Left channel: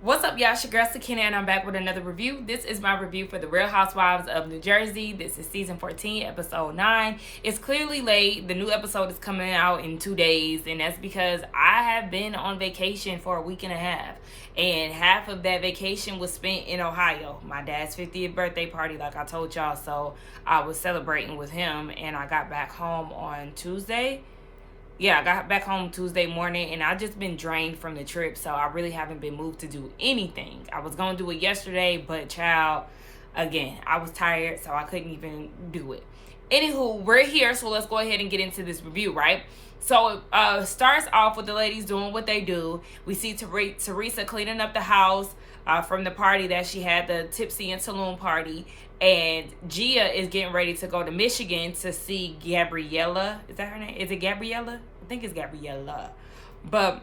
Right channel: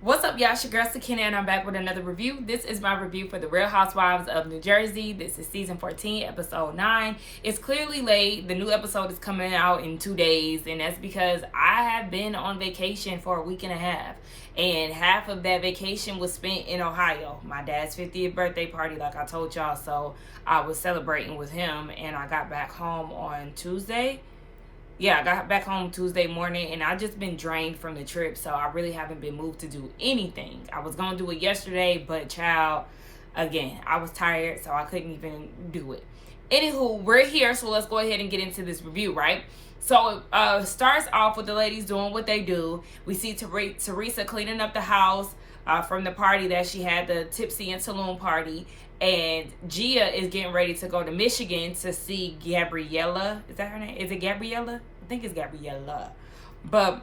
What's up, y'all? It's your girl Sakina, and I'm back with another review. This is my review for The Real Housewives of New Jersey. This is season 14, episode 9. It's clearly late. The new episode is coming out in 2 days, and that's because I have been on vacation for a week and a half. And half of that vacation was spent in Ohio. My dad's 50th birthday party, like I told y'all, so I was celebrating with him, and I got back home on Tuesday. Yeah, I got back home Tuesday morning, and I've just been drained from the trip, so I really haven't been moved to do anything. I was going to do it yesterday, but child, again, I was tired, so I couldn't even do it. Anywho, we're here, so let's go ahead and get into this review, right? So it starts off with the ladies doing what they do. We see Teresa cleaning up the house from the party that she had, the Tipsy and Saloon party. And Gia is getting ready to go to Michigan to see Gabriella. Is that her name? Is it Gabriella? I think it's Gabriella. But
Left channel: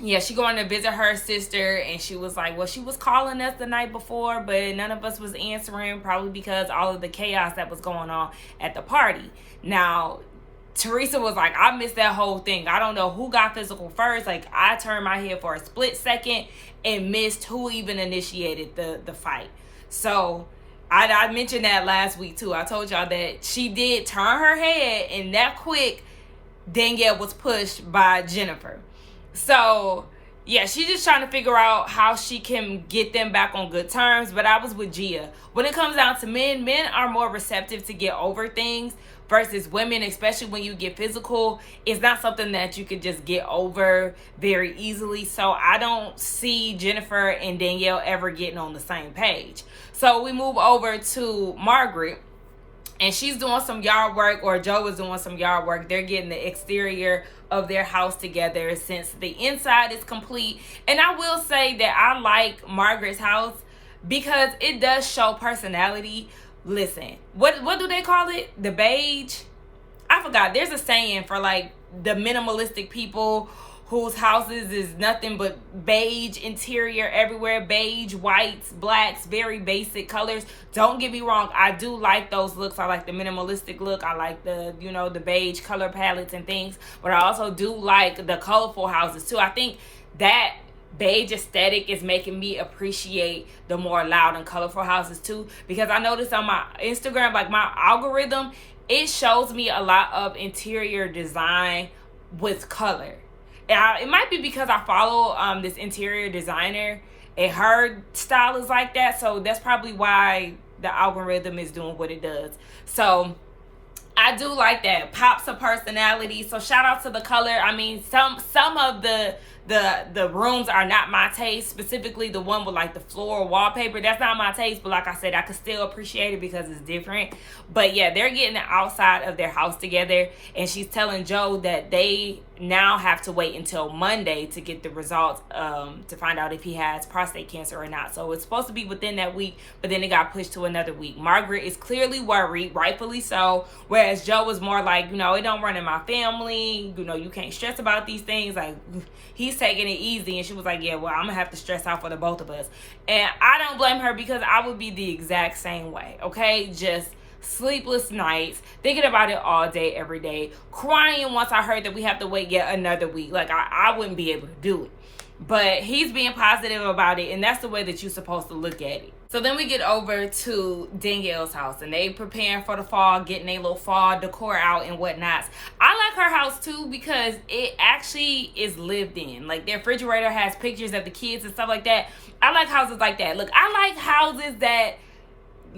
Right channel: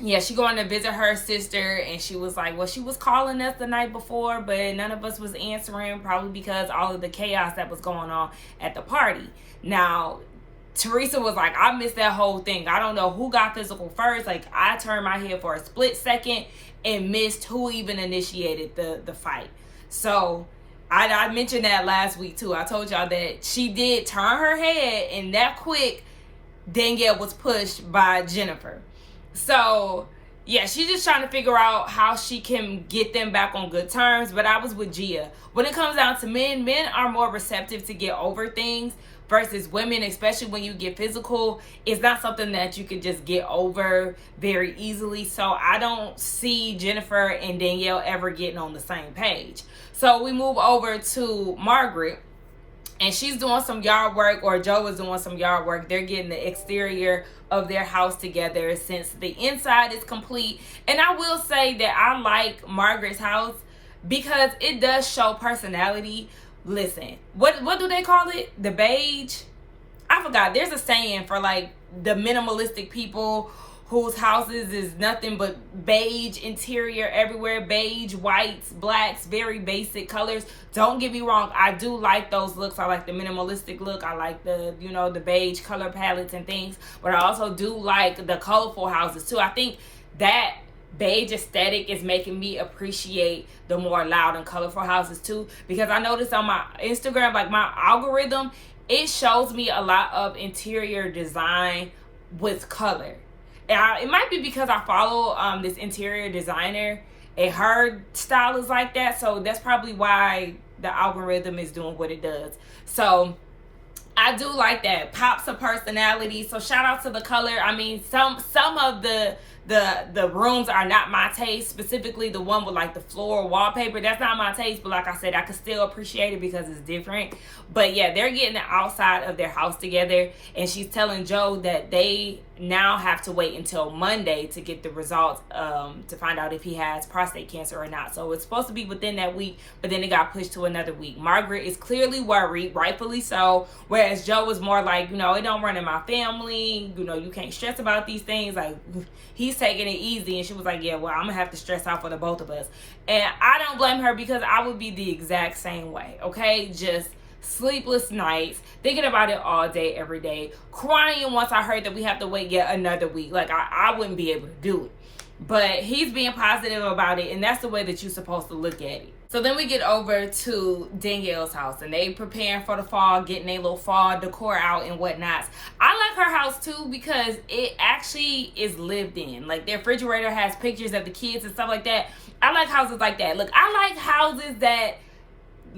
yeah, she going to visit her sister, and she was like, well, she was calling us the night before, but none of us was answering, probably because all of the chaos that was going on at the party. Now, Teresa was like, I missed that whole thing. I don't know who got physical first. Like, I turned my head for a split second and missed who even initiated the fight. So I mentioned that last week too. I told y'all that she did turn her head, and that quick, Danielle was pushed by Jennifer. So yeah, she's just trying to figure out how she can get them back on good terms. But I was with Gia. When it comes down to men are more receptive to get over things versus women, especially when you get physical. It's not something that you can just get over very easily. So I don't see Jennifer and Danielle ever getting on the same page. So we move over to Margaret, and she's doing some yard work, or Joe is doing some yard work. They're getting the exterior of their house together since the inside is complete. And I will say that I like Margaret's house because it does show personality. Listen, what do they call it? The beige? I forgot. There's a saying for like the minimalistic people whose houses is nothing but beige interior everywhere, beige, whites, blacks, very basic colors. Don't get me wrong, I do like those looks. I like the minimalistic look. I like the, the beige color palettes and things. But I also do like the colorful houses too. I think that beige aesthetic is making me appreciate the more loud and colorful houses too, because I noticed on my Instagram, like my algorithm, it shows me a lot of interior design with color. And it might be because I follow this interior designer, and her style is like that, so that's probably why the algorithm is doing what it does. So I do like that. Pops of personality. So shout out to the color. I mean, some of the rooms are not my taste, specifically the one with like the floral wallpaper. That's not my taste, but like I said, I can still appreciate it because it's different. But yeah, they're getting the outside of their house together, and she's telling Joe that they now have to wait until Monday to get the results to find out if he has prostate cancer or not. So it's supposed to be within that week, but then it got pushed to another week. Margaret is clearly worried, rightfully so, whereas Joe was more like, it don't run in my family, you can't stress about these things, like he's taking it easy. And she was like, yeah, well, I'm gonna have to stress out for the both of us. And I don't blame her, because I would be the exact same way. Okay, just sleepless nights, thinking about it all day, every day, crying once I heard that we have to wait yet another week. Like I wouldn't be able to do it. But he's being positive about it, and that's the way that you're supposed to look at it. So then we get over to Danielle's house, and they preparing for the fall, getting their little fall decor out and whatnot. I like her house too, because it actually is lived in. Like their refrigerator has pictures of the kids and stuff like that. I like houses like that. Look, I like houses that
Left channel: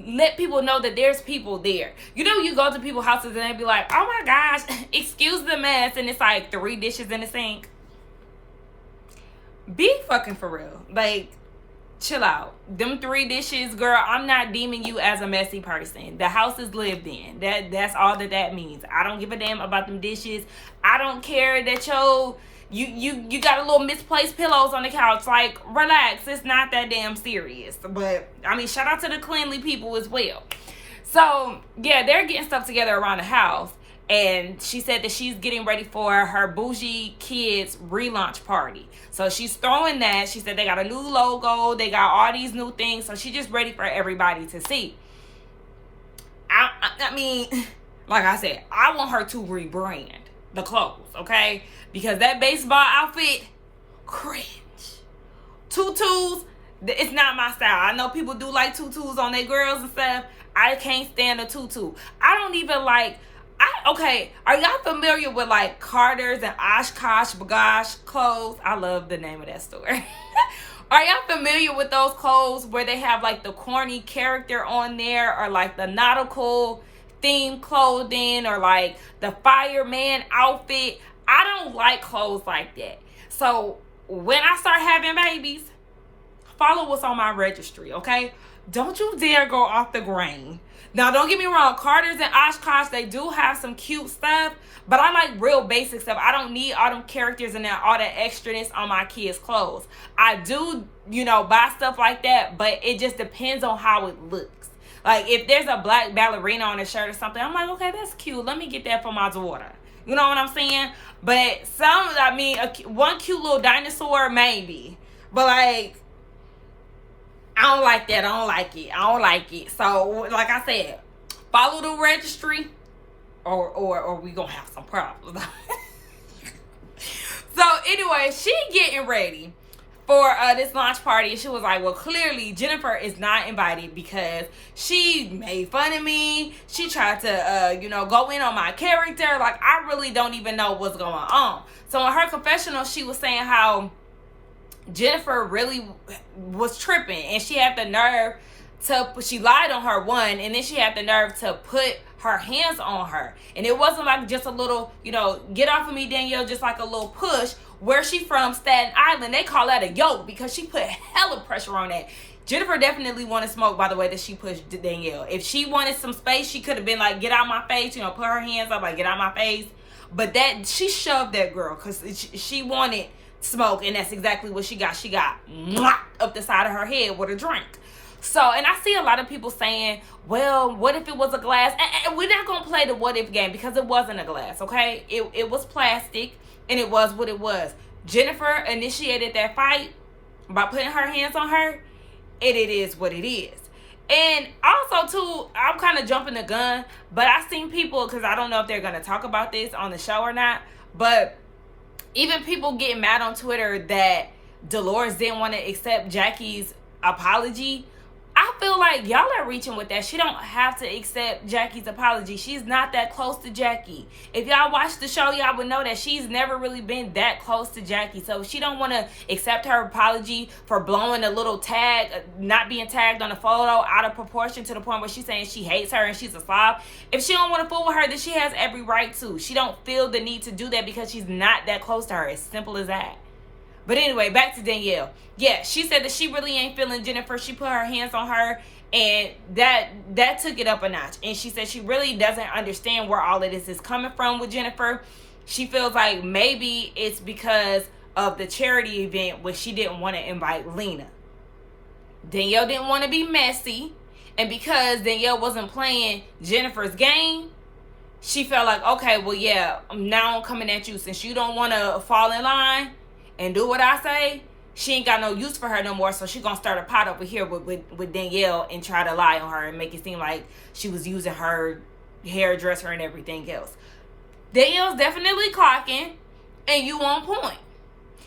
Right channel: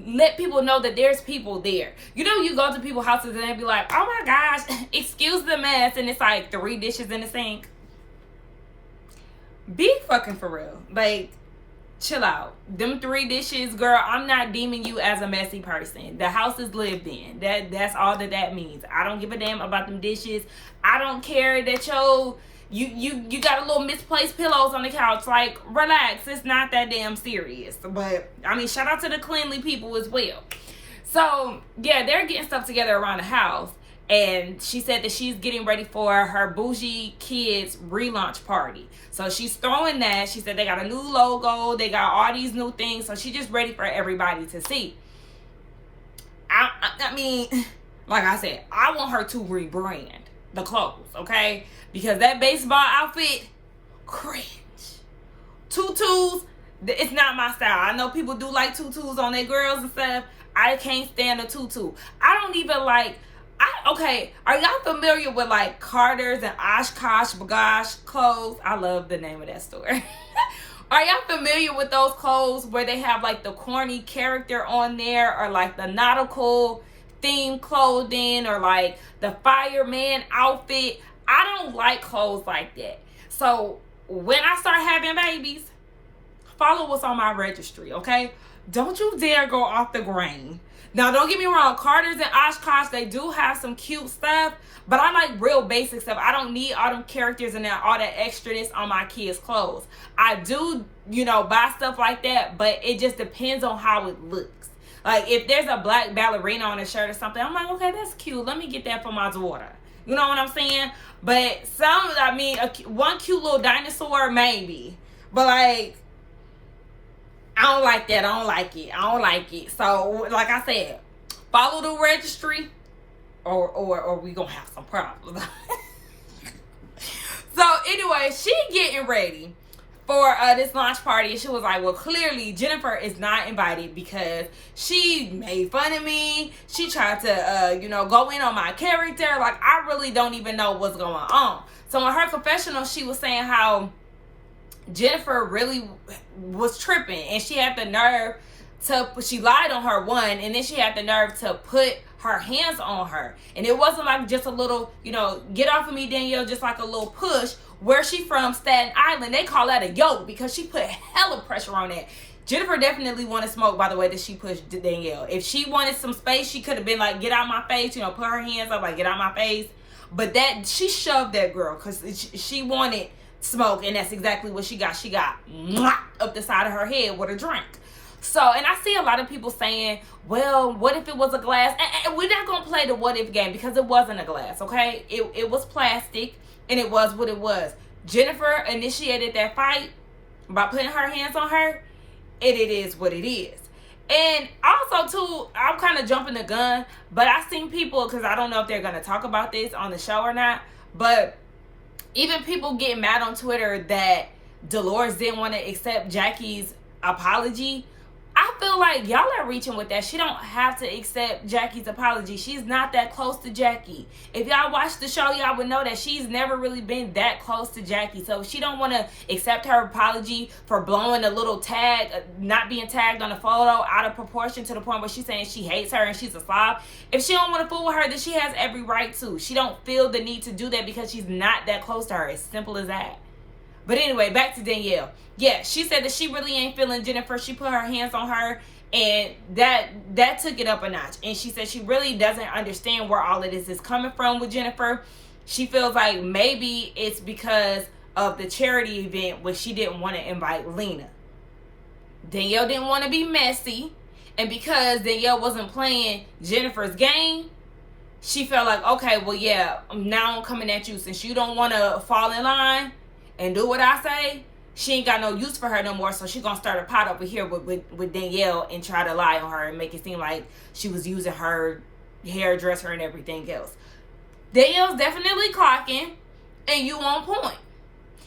let people know that there's people there. You go to people's houses and they be like, oh my gosh, excuse the mess, and it's like 3 dishes in the sink. Be fucking for real. Like, chill out. Them 3 dishes, girl, I'm not deeming you as a messy person. The house is lived in. That's all that means. I don't give a damn about them dishes. I don't care that you got a little misplaced pillows on the couch. Like, relax. It's not that damn serious. But I mean, shout out to the cleanly people as well. So yeah, they're getting stuff together around the house. And she said that she's getting ready for her Bougie kids relaunch party. So she's throwing that. She said they got a new logo. They got all these new things. So she's just ready for everybody to see. I mean, like I said, I want her to rebrand the clothes, okay? Because that baseball outfit, cringe. Tutus, it's not my style. I know people do like tutus on their girls and stuff. I can't stand a tutu. I don't even like, okay, are y'all familiar with like Carter's and Oshkosh Bagosh clothes? I love the name of that store. Are y'all familiar with those clothes where they have like the corny character on there, or like the nautical themed clothing, or like the fireman outfit? I don't like clothes like that. So when I start having babies, follow what's on my registry, okay? Don't you dare go off the grain. Now, don't get me wrong. Carter's and Oshkosh, they do have some cute stuff, but I like real basic stuff. I don't need all them characters and all that extraness on my kids' clothes. I do, buy stuff like that, but it just depends on how it looks. Like, if there's a black ballerina on a shirt or something, I'm like, okay, that's cute. Let me get that for my daughter. You know what I'm saying? But one cute little dinosaur, maybe. But, like, I don't like that. I don't like it. So, like I said, follow the registry or we gonna have some problems. So, anyway, she getting ready for this launch party. And she was like, well, clearly Jennifer is not invited because she made fun of me. She tried to, go in on my character. Like, I really don't even know what's going on. So, in her confessional, she was saying how Jennifer really was tripping, and she had the nerve she lied on her, one, and then she had the nerve to put her hands on her. And it wasn't like just a little, get off of me, Danielle, just like a little push. Where she from, Staten Island, they call that a yoke because she put hella pressure on that. Jennifer definitely wanted smoke, by the way, that she pushed Danielle. If she wanted some space, she could have been like, get out my face, put her hands up, like, get out my face. But she shoved that girl because she wanted smoke, and that's exactly what she got. She got up the side of her head with a drink. So, and I see a lot of people saying, well, what if it was a glass? And we're not going to play the what if game because it wasn't a glass, okay? It was plastic, and it was what it was. Jennifer initiated that fight by putting her hands on her, and it is what it is. And also, too, I'm kind of jumping the gun, but I've seen people, because I don't know if they're going to talk about this on the show or not, but even people getting mad on Twitter that Dolores didn't want to accept Jackie's apology. I feel like y'all are reaching with that. She don't have to accept Jackie's apology. She's not that close to Jackie. If y'all watch the show, y'all would know that she's never really been that close to Jackie. So if she don't want to accept her apology for blowing a little tag, not being tagged on a photo out of proportion to the point where she's saying she hates her and she's a slob. If she don't want to fool with her, then she has every right to. She don't feel the need to do that because she's not that close to her. It's simple as that. But anyway, back to Danielle. Yeah, she said that she really ain't feeling Jennifer. She put her hands on her, and that took it up a notch. And she said she really doesn't understand where all of this is coming from with Jennifer. She feels like maybe it's because of the charity event where she didn't want to invite Lena. Danielle didn't want to be messy, and because Danielle wasn't playing Jennifer's game, she felt like, okay, well, yeah, now I'm coming at you. Since you don't want to fall in line and do what I say, she ain't got no use for her no more, so she gonna start a pot over here with Danielle and try to lie on her and make it seem like she was using her hairdresser and everything else. Danielle's definitely clocking, and you on point.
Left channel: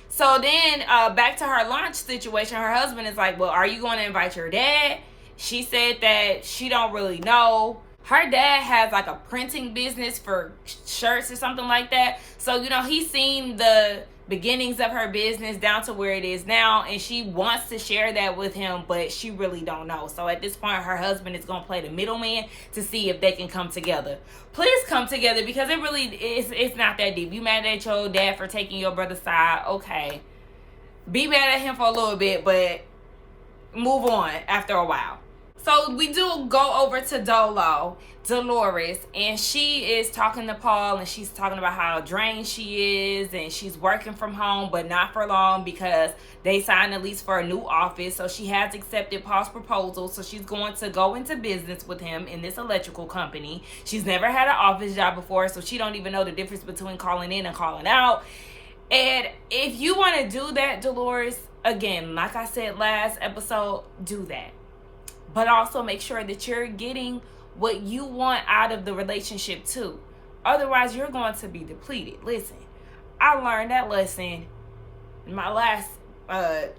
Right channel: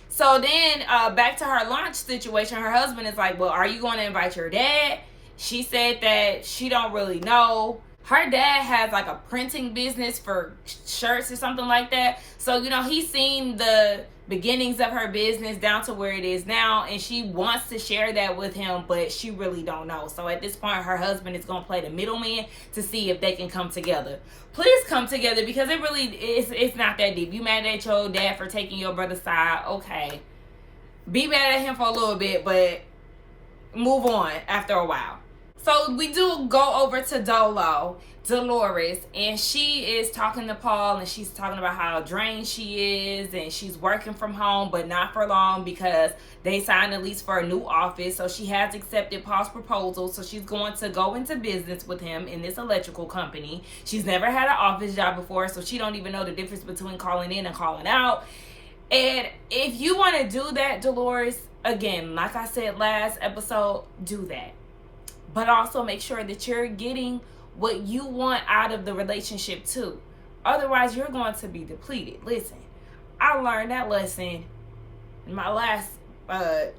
So then, back to her lunch situation, her husband is like, well, are you going to invite your dad? She said that she don't really know. Her dad has like a printing business for shirts or something like that. So, he's seen the beginnings of her business down to where it is now, and she wants to share that with him, but she really don't know. So at this point, her husband is going to play the middleman to see if they can come together. Please come together, because it really is, it's not that deep. You mad at your dad for taking your brother's side? Okay. Be mad at him for a little bit, but move on after a while. So we do go over to Dolores, and she is talking to Paul, and she's talking about how drained she is, and she's working from home, but not for long because they signed a lease for a new office. So she has accepted Paul's proposal, so she's going to go into business with him in this electrical company. She's never had an office job before, so she don't even know the difference between calling in and calling out. And if you want to do that, Dolores, again, like I said last episode, do that. But also make sure that you're getting what you want out of the relationship too. Otherwise, you're going to be depleted. Listen, I learned that lesson in my last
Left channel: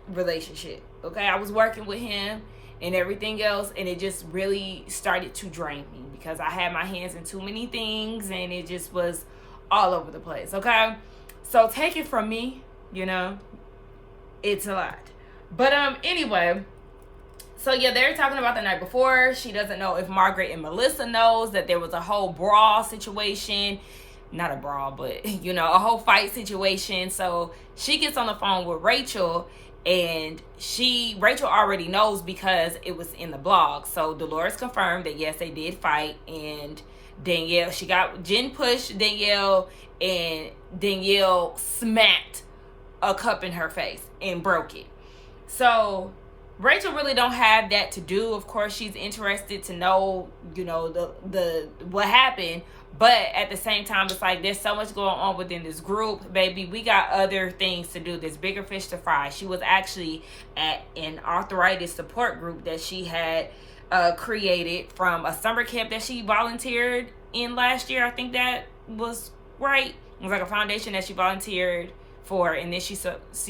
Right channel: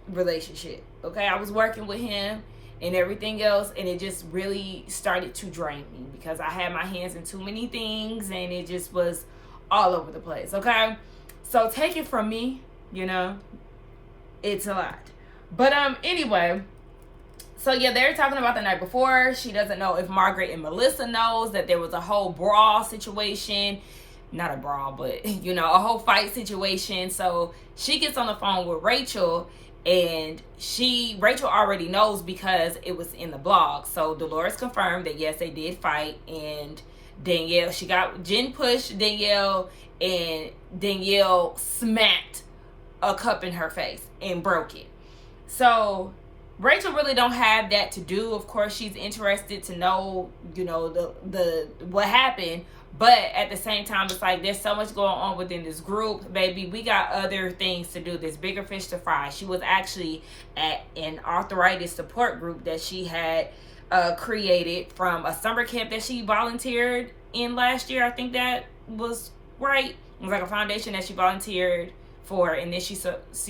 relationship. Okay, I was working with him and everything else, and it just really started to drain me because I had my hands in too many things and it just was all over the place. Okay, so take it from me, it's a lot. But anyway, so yeah, they're talking about the night before. She doesn't know if Margaret and Melissa knows that there was a whole brawl situation. Not a brawl, but a whole fight situation. So she gets on the phone with Rachel, and Rachel already knows because it was in the blog. So Dolores confirmed that yes, they did fight, and Jen pushed Danielle, and Danielle smacked a cup in her face and broke it. So Rachel really don't have that to do. Of course, she's interested to know, the what happened. But at the same time, it's like there's so much going on within this group. Baby, we got other things to do. There's bigger fish to fry. She was actually at an arthritis support group that she had created from a summer camp that she volunteered in last year. I think that was right. It was like a foundation that she volunteered for. And then she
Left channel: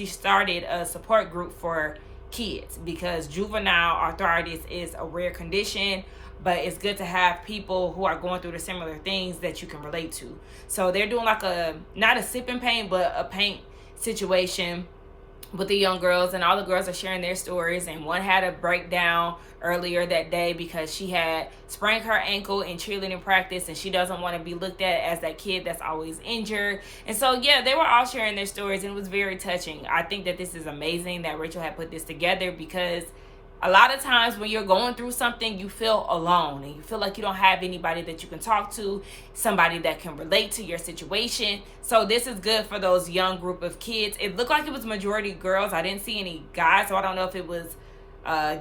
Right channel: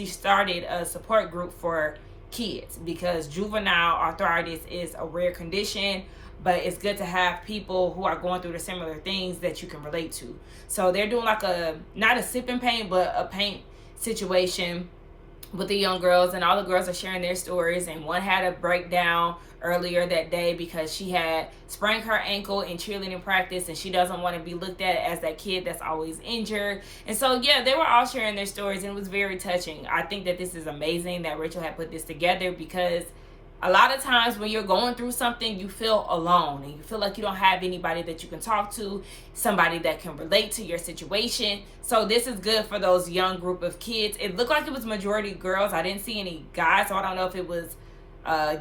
started a support group for kids because juvenile arthritis is a rare condition. But it's good to have people who are going through the similar things that you can relate to. So they're doing like not a sipping paint, but a paint situation with the young girls. And all the girls are sharing their stories. And one had a breakdown earlier that day because she had sprained her ankle in cheerleading practice. And she doesn't want to be looked at as that kid that's always injured. And so, yeah, they were all sharing their stories. And it was very touching. I think that this is amazing that Rachel had put this together because a lot of times when you're going through something, you feel alone and you feel like you don't have anybody that you can talk to, somebody that can relate to your situation. So this is good for those young group of kids. It looked like it was majority girls. I didn't see any guys, so I don't know if it was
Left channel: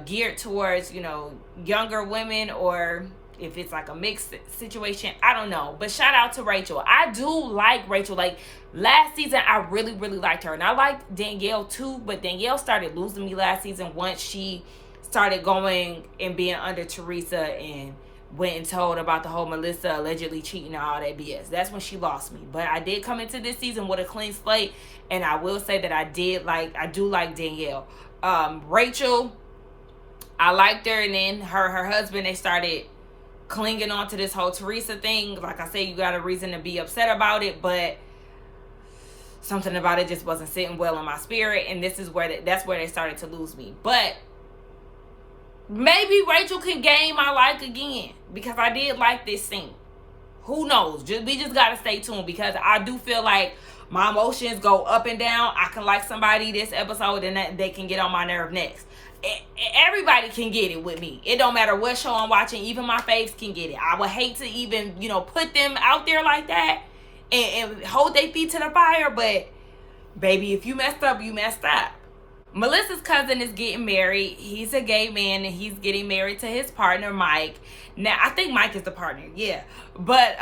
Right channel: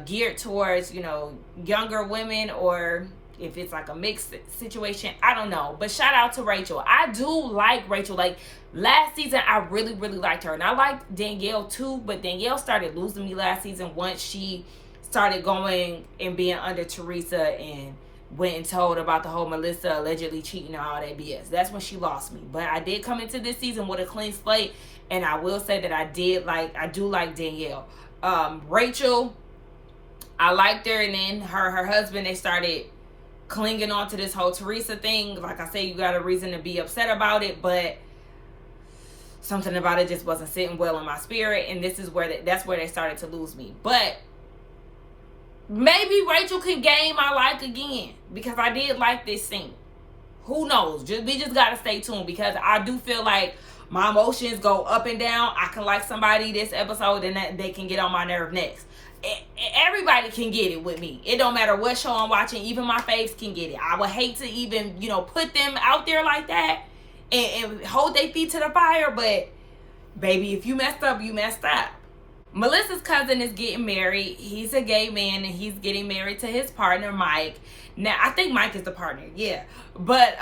geared towards, younger women or if it's like a mixed situation. I don't know. But shout out to Rachel. I do like Rachel. Like last season, I really, really liked her. And I liked Danielle too, but Danielle started losing me last season once she started going and being under Teresa and went and told about the whole Melissa allegedly cheating and all that BS. That's when she lost me. But I did come into this season with a clean slate, and I will say that I do like Danielle. Rachel, I liked her, and then her husband, they started clinging on to this whole Teresa thing. Like I said, you got a reason to be upset about it, but something about it just wasn't sitting well in my spirit, and that's where they started to lose me. But maybe Rachel can gain my like again because I did like this scene. Who knows? We just gotta stay tuned because I do feel like my emotions go up and down. I can like somebody this episode and they can get on my nerve next. Everybody can get it with me. It don't matter what show I'm watching. Even my faves can get it. I would hate to even put them out there like that and hold their feet to the fire. But baby, if you messed up, you messed up. Melissa's cousin is getting married. He's a gay man and he's getting married to his partner, Mike. Now, I think Mike is the partner, yeah. But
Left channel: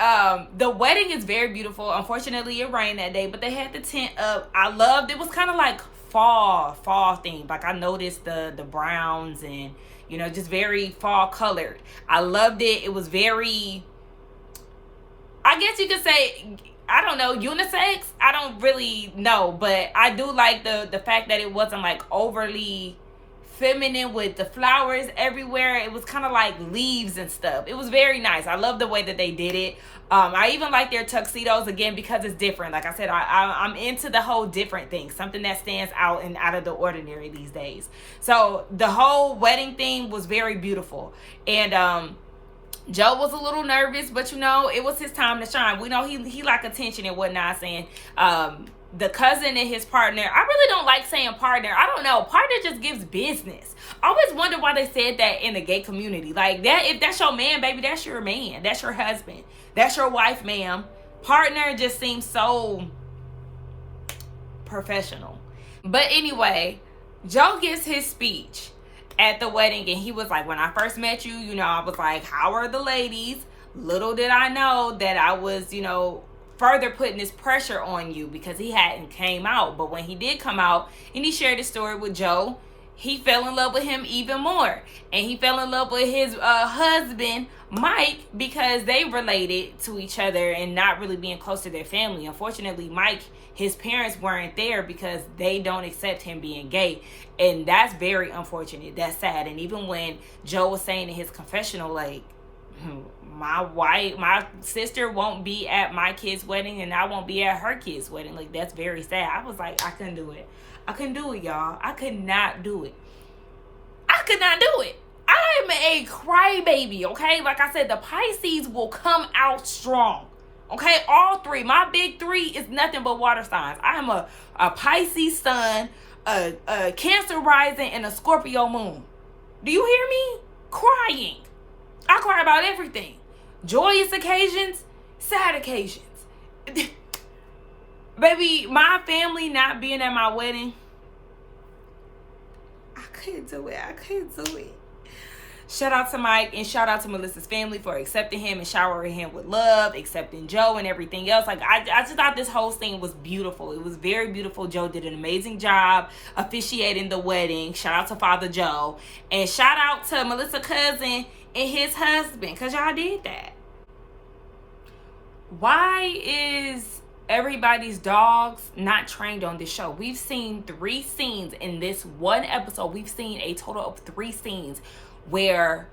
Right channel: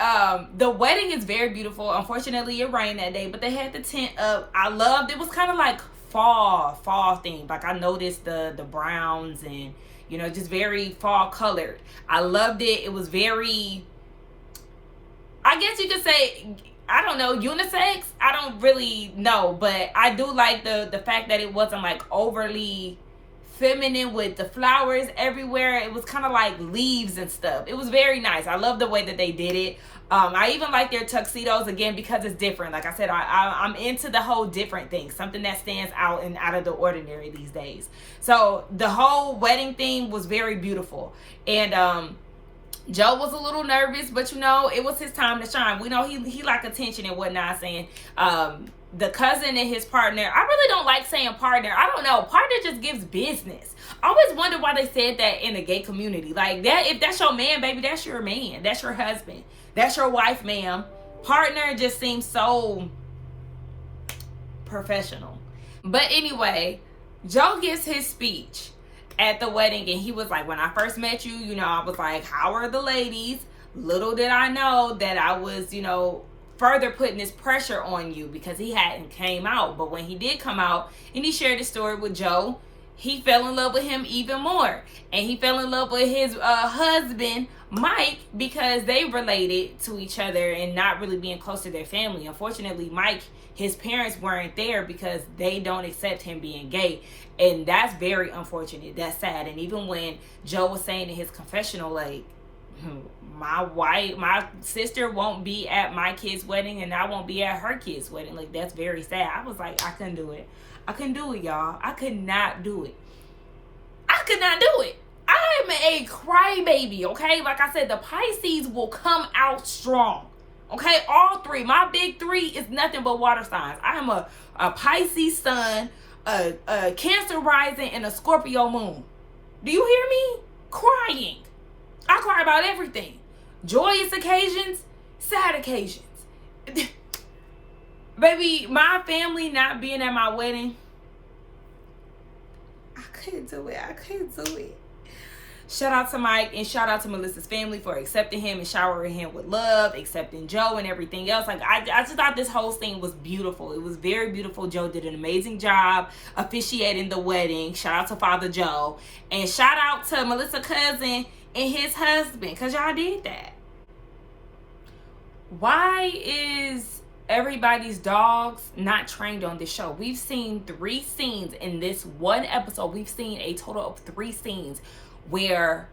the wedding is very beautiful. Unfortunately, it rained that day, but they had the tent up. I loved it. Was kind of like fall themed. Like I noticed the browns and, just very fall colored. I loved it. It was very, I guess you could say, I don't know, unisex. I don't really know, but I do like the fact that it wasn't like overly feminine with the flowers everywhere. It was kind of like leaves and stuff. It was very nice. I love the way that they did it. I even like their tuxedos again because it's different. Like I said, I'm into the whole different thing, something that stands out and out of the ordinary these days. So the whole wedding thing was very beautiful. And Joe was a little nervous, but it was his time to shine. We know he like attention and whatnot. Saying the cousin and his partner. I really don't like saying partner. I don't know. Partner just gives business. I always wonder why they said that in the gay community. Like that, if that's your man, baby, that's your man. That's your husband. That's your wife, ma'am. Partner just seems so professional. But anyway, Joe gives his speech at the wedding, and he was like, when I first met you, I was like, how are the ladies? Little did I know that I was, further putting this pressure on you because he hadn't came out. But when he did come out and he shared the story with Joe, he fell in love with him even more. And he fell in love with his husband, Mike, because they related to each other and not really being close to their family. Unfortunately, Mike his parents weren't there because they don't accept him being gay. And that's very unfortunate. That's sad. And even when Joe was saying in his confessional, like, my sister won't be at my kid's wedding and I won't be at her kid's wedding. Like, that's very sad. I was like, I couldn't do it. I couldn't do it, y'all. I could not do it. I could not do it. I'm a crybaby, okay? Like I said, the Pisces will come out strong, okay? All three. My big three is nothing but water signs. I am a Pisces sun, a Cancer rising, and a Scorpio moon. Do you hear me? Crying. I cry about everything. Joyous occasions, sad occasions. Baby, my family not being at my wedding, I couldn't do it. I couldn't do it. Shout out to Mike and shout out to Melissa's family for accepting him and showering him with love, accepting Joe and everything else. Like, I just thought this whole thing was beautiful. It was very beautiful. Joe did an amazing job officiating the wedding. Shout out to Father Joe. And shout out to Melissa's cousin and his husband, because y'all did that. Why is everybody's dogs not trained on this show? We've seen 3 scenes in this one episode. We've seen a total of 3 scenes where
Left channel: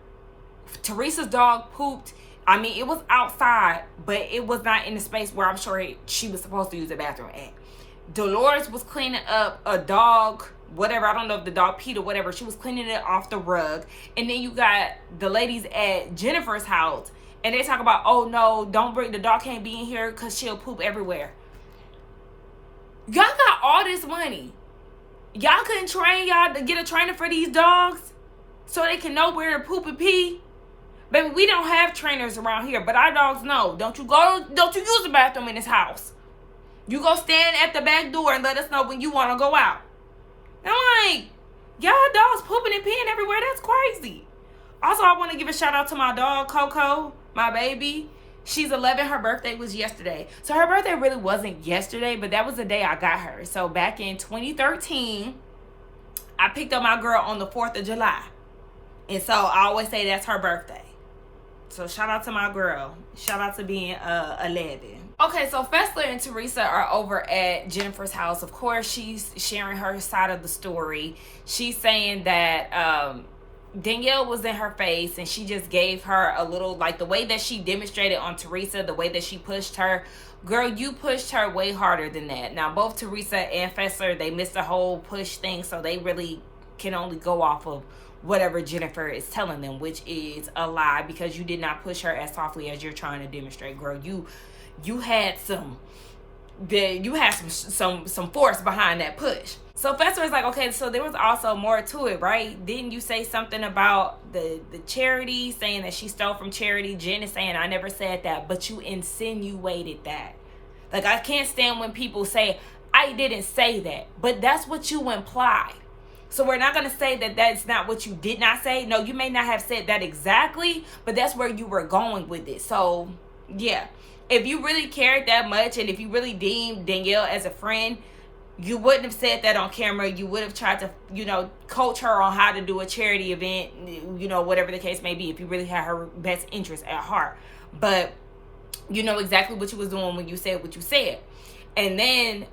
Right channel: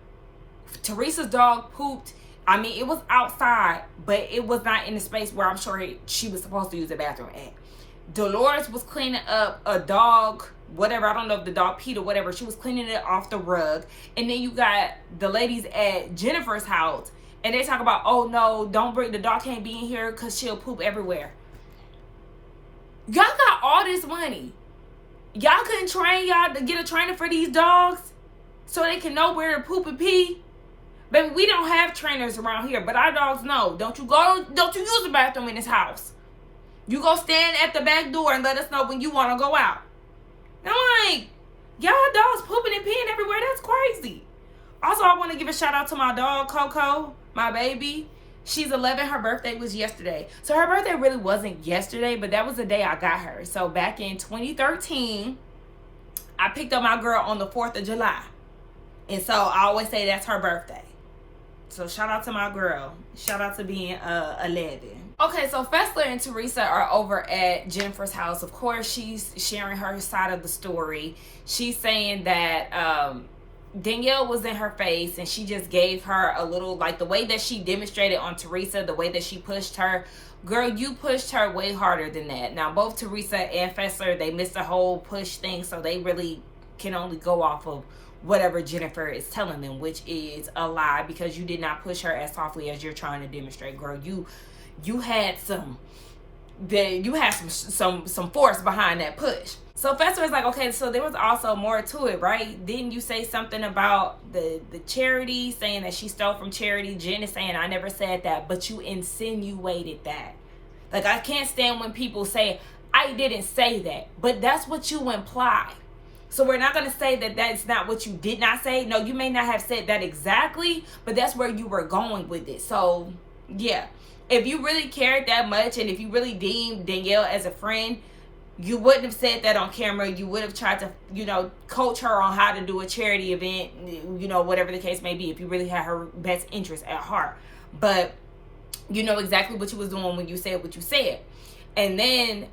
Teresa's dog pooped. I mean, it was outside, but it was not in the space where I'm sure she was supposed to use the bathroom at. Dolores was cleaning up a dog, whatever. I don't know if the dog peed or whatever. She was cleaning it off the rug. And then you got the ladies at Jennifer's house, and they talk about, oh no, don't bring, the dog can't be in here because she'll poop everywhere. Y'all got all this money. Y'all couldn't train y'all to get a trainer for these dogs so they can know where to poop and pee? Baby, we don't have trainers around here, but our dogs know. Don't you use the bathroom in this house. You go stand at the back door and let us know when you want to go out. I'm like, y'all dogs pooping and peeing everywhere. That's crazy. Also, I want to give a shout out to my dog, Coco, my baby. She's 11. Her birthday was yesterday. So her birthday really wasn't yesterday, but that was the day I got her. So back in 2013, I picked up my girl on the 4th of July. And so I always say that's her birthday. So shout out to my girl. Shout out to being 11. Okay, so Fessler and Teresa are over at Jennifer's house. Of course, she's sharing her side of the story. She's saying that Danielle was in her face and she just gave her a little, like the way that she demonstrated on Teresa, the way that she pushed her. Girl, you pushed her way harder than that. Now, both Teresa and Fessler, they missed the whole push thing, so they really can only go off of whatever Jennifer is telling them, which is a lie, because you did not push her as softly as you're trying to demonstrate. Girl, you had some force behind that push. So Fessler is like, okay, so there was also more to it, right? Didn't you say something about the charity, saying that she stole from charity? Jen is saying, I never said that, but you insinuated that. Like, I can't stand when people say, I didn't say that, but that's what you implied. So we're not going to say that that's not what you did not say. No, you may not have said that exactly, but that's where you were going with it. So, yeah. If you really cared that much and if you really deemed Danielle as a friend, you wouldn't have said that on camera. You would have tried to, coach her on how to do a charity event, whatever the case may be, if you really had her best interest at heart. But you know exactly what you was doing when you said what you said. And then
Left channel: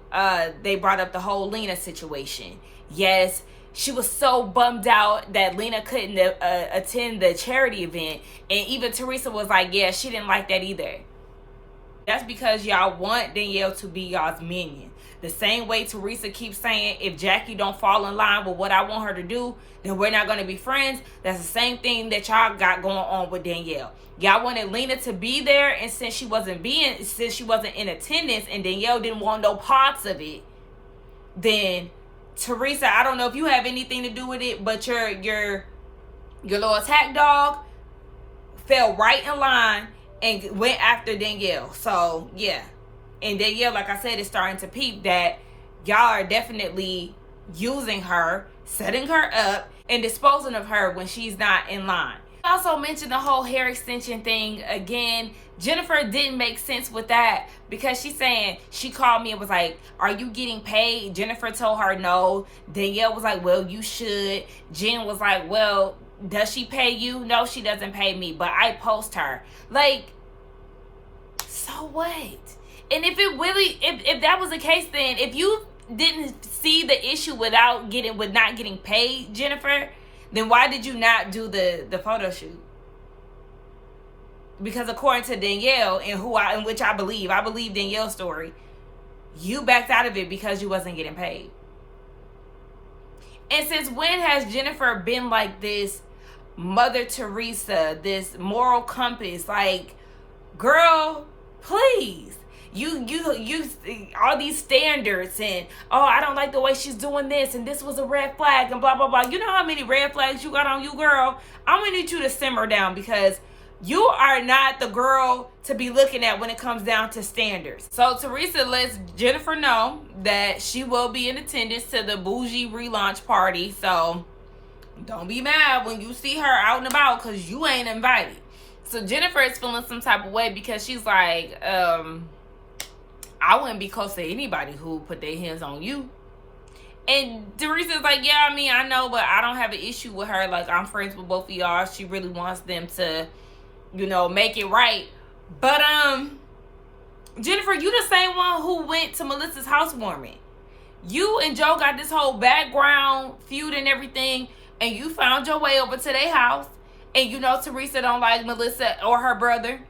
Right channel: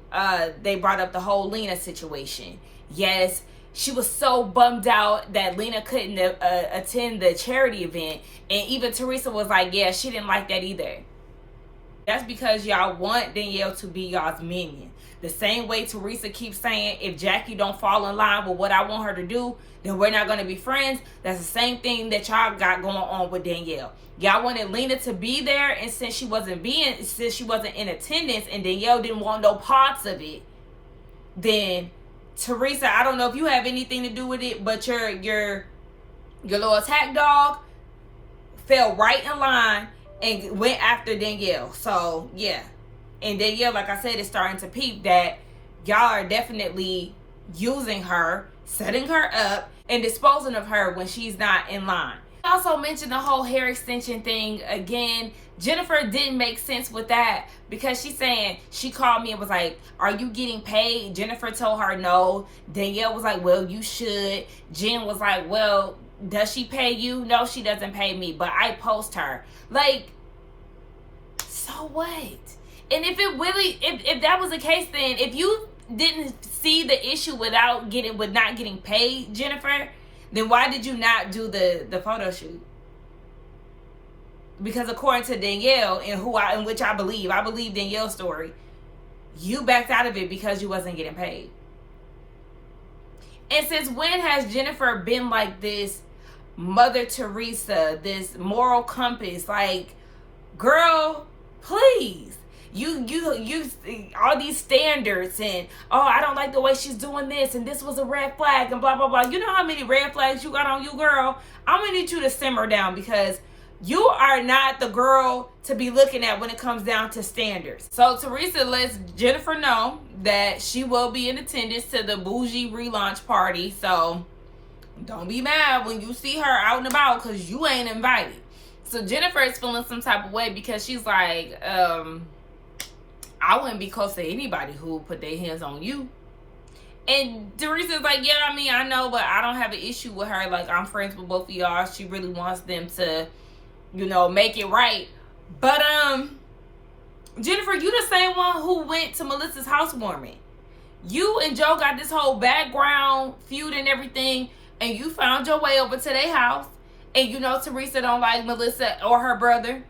they brought up the whole Lena situation. Yes, she was so bummed out that Lena couldn't attend the charity event. And even Teresa was like, yeah, she didn't like that either. That's because y'all want Danielle to be y'all's minion. The same way Teresa keeps saying, if Jackie don't fall in line with what I want her to do, then we're not going to be friends. That's the same thing that y'all got going on with Danielle. Y'all wanted Lena to be there, and since she wasn't in attendance and Danielle didn't want no parts of it, then Teresa, I don't know if you have anything to do with it, but your little attack dog fell right in line and went after Danielle. So, yeah. And Danielle, like I said, is starting to peep that y'all are definitely using her, setting her up, and disposing of her when she's not in line. I also mentioned the whole hair extension thing again. Jennifer didn't make sense with that because she's saying, she called me and was like, are you getting paid? Jennifer told her no. Danielle was like, well, you should. Jen was like, well, does she pay you? No, she doesn't pay me, but I post her. Like, so what? And if it really, if that was the case, then if you didn't see the issue with not getting paid, Jennifer, then why did you not do the photo shoot? Because according to Danielle, in which I believe Danielle's story, you backed out of it because you wasn't getting paid. And since when has Jennifer been like this Mother Teresa, this moral compass? Like, girl, please. You all these standards and, oh, I don't like the way she's doing this and this was a red flag and blah blah blah. You know how many red flags you got on you, girl? I'm gonna need you to simmer down, because you are not the girl to be looking at when it comes down to standards. So Teresa lets Jennifer know that she will be in attendance to the Bougie relaunch party. So don't be mad when you see her out and about, because you ain't invited. So Jennifer is feeling some type of way because she's like, I wouldn't be close to anybody who put their hands on you. And Teresa's like, yeah, I mean, I know, but I don't have an issue with her. Like, I'm friends with both of y'all. She really wants them to, make it right. But, Jennifer, you the same one who went to Melissa's housewarming. You and Joe got this whole background feud and everything, and you found your way over to their house. And Teresa don't like Melissa or her brother.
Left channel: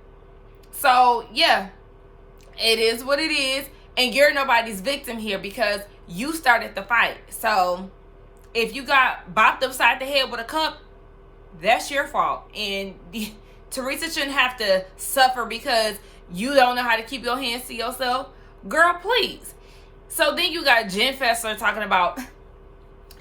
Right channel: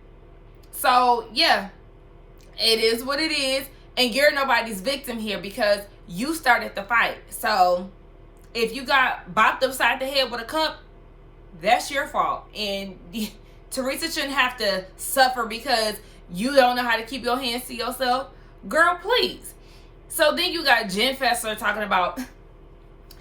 So, yeah. It is what it is, and you're nobody's victim here because you started the fight. So if you got bopped upside the head with a cup, that's your fault. And Teresa shouldn't have to suffer because you don't know how to keep your hands to yourself. Girl, please. So then you got Jen Fessler talking about,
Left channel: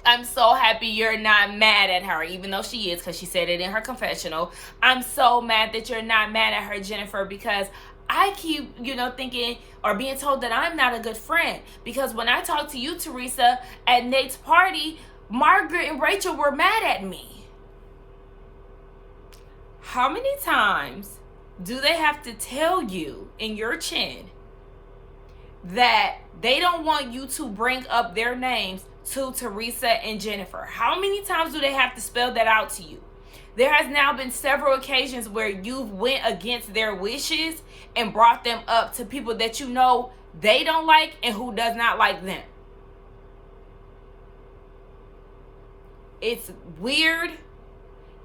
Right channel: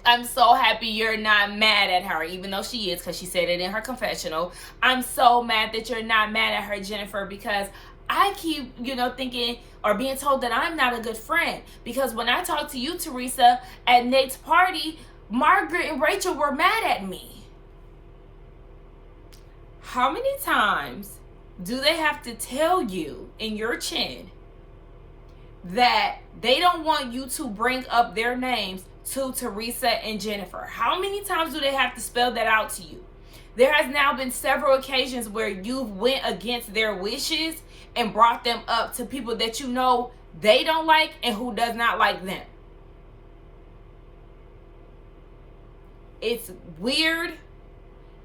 I'm so happy you're not mad at her, even though she is, because she said it in her confessional. I'm so mad that you're not mad at her, Jennifer, because I keep, thinking or being told that I'm not a good friend. Because when I talked to you, Teresa, at Nate's party, Margaret and Rachel were mad at me. How many times do they have to tell you in your chin that they don't want you to bring up their names to Teresa and Jennifer? How many times do they have to spell that out to you? There has now been several occasions where you went against their wishes and brought them up to people that they don't like and who does not like them. It's weird.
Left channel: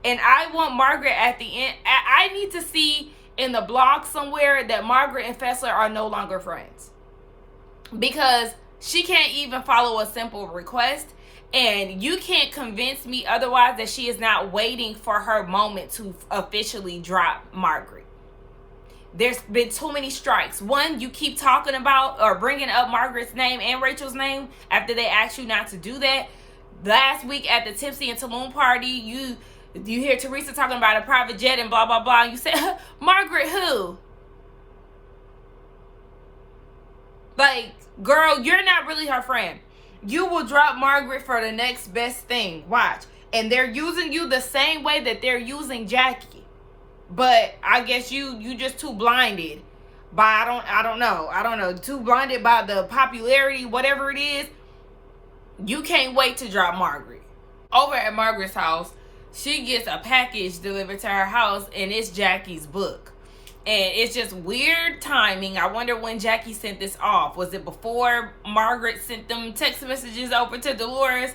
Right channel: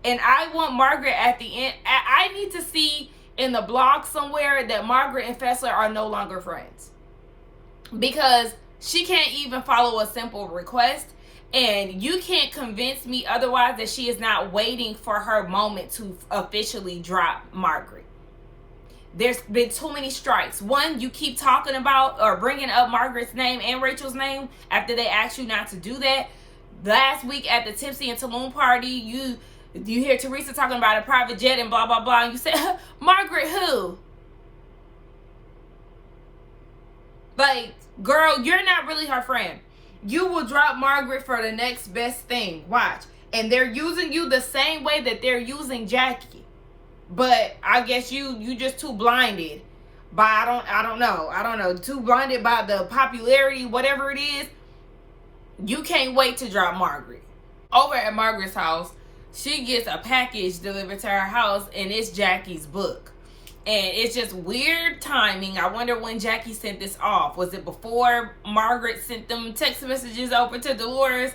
And I want Margaret at the end. I need to see in the blog somewhere that Margaret and Fessler are no longer friends. Because she can't even follow a simple request. And you can't convince me otherwise that she is not waiting for her moment to officially drop Margaret. There's been too many strikes. One, you keep talking about or bringing up Margaret's name and Rachel's name after they asked you not to do that. Last week at the Tipsy and Tulum party, you hear Teresa talking about a private jet and blah, blah, blah. And you say, Margaret who? Like, girl, you're not really her friend. You will drop Margaret for the next best thing. Watch. And they're using you the same way that they're using Jackie. But I guess you just too blinded by, I don't know, too blinded by the popularity, whatever it is. You can't wait to drop Margaret. Over at Margaret's house, she gets a package delivered to her house, and it's Jackie's book. And it's just weird timing. I wonder when Jackie sent this off. Was it before Margaret sent them text messages over to Dolores?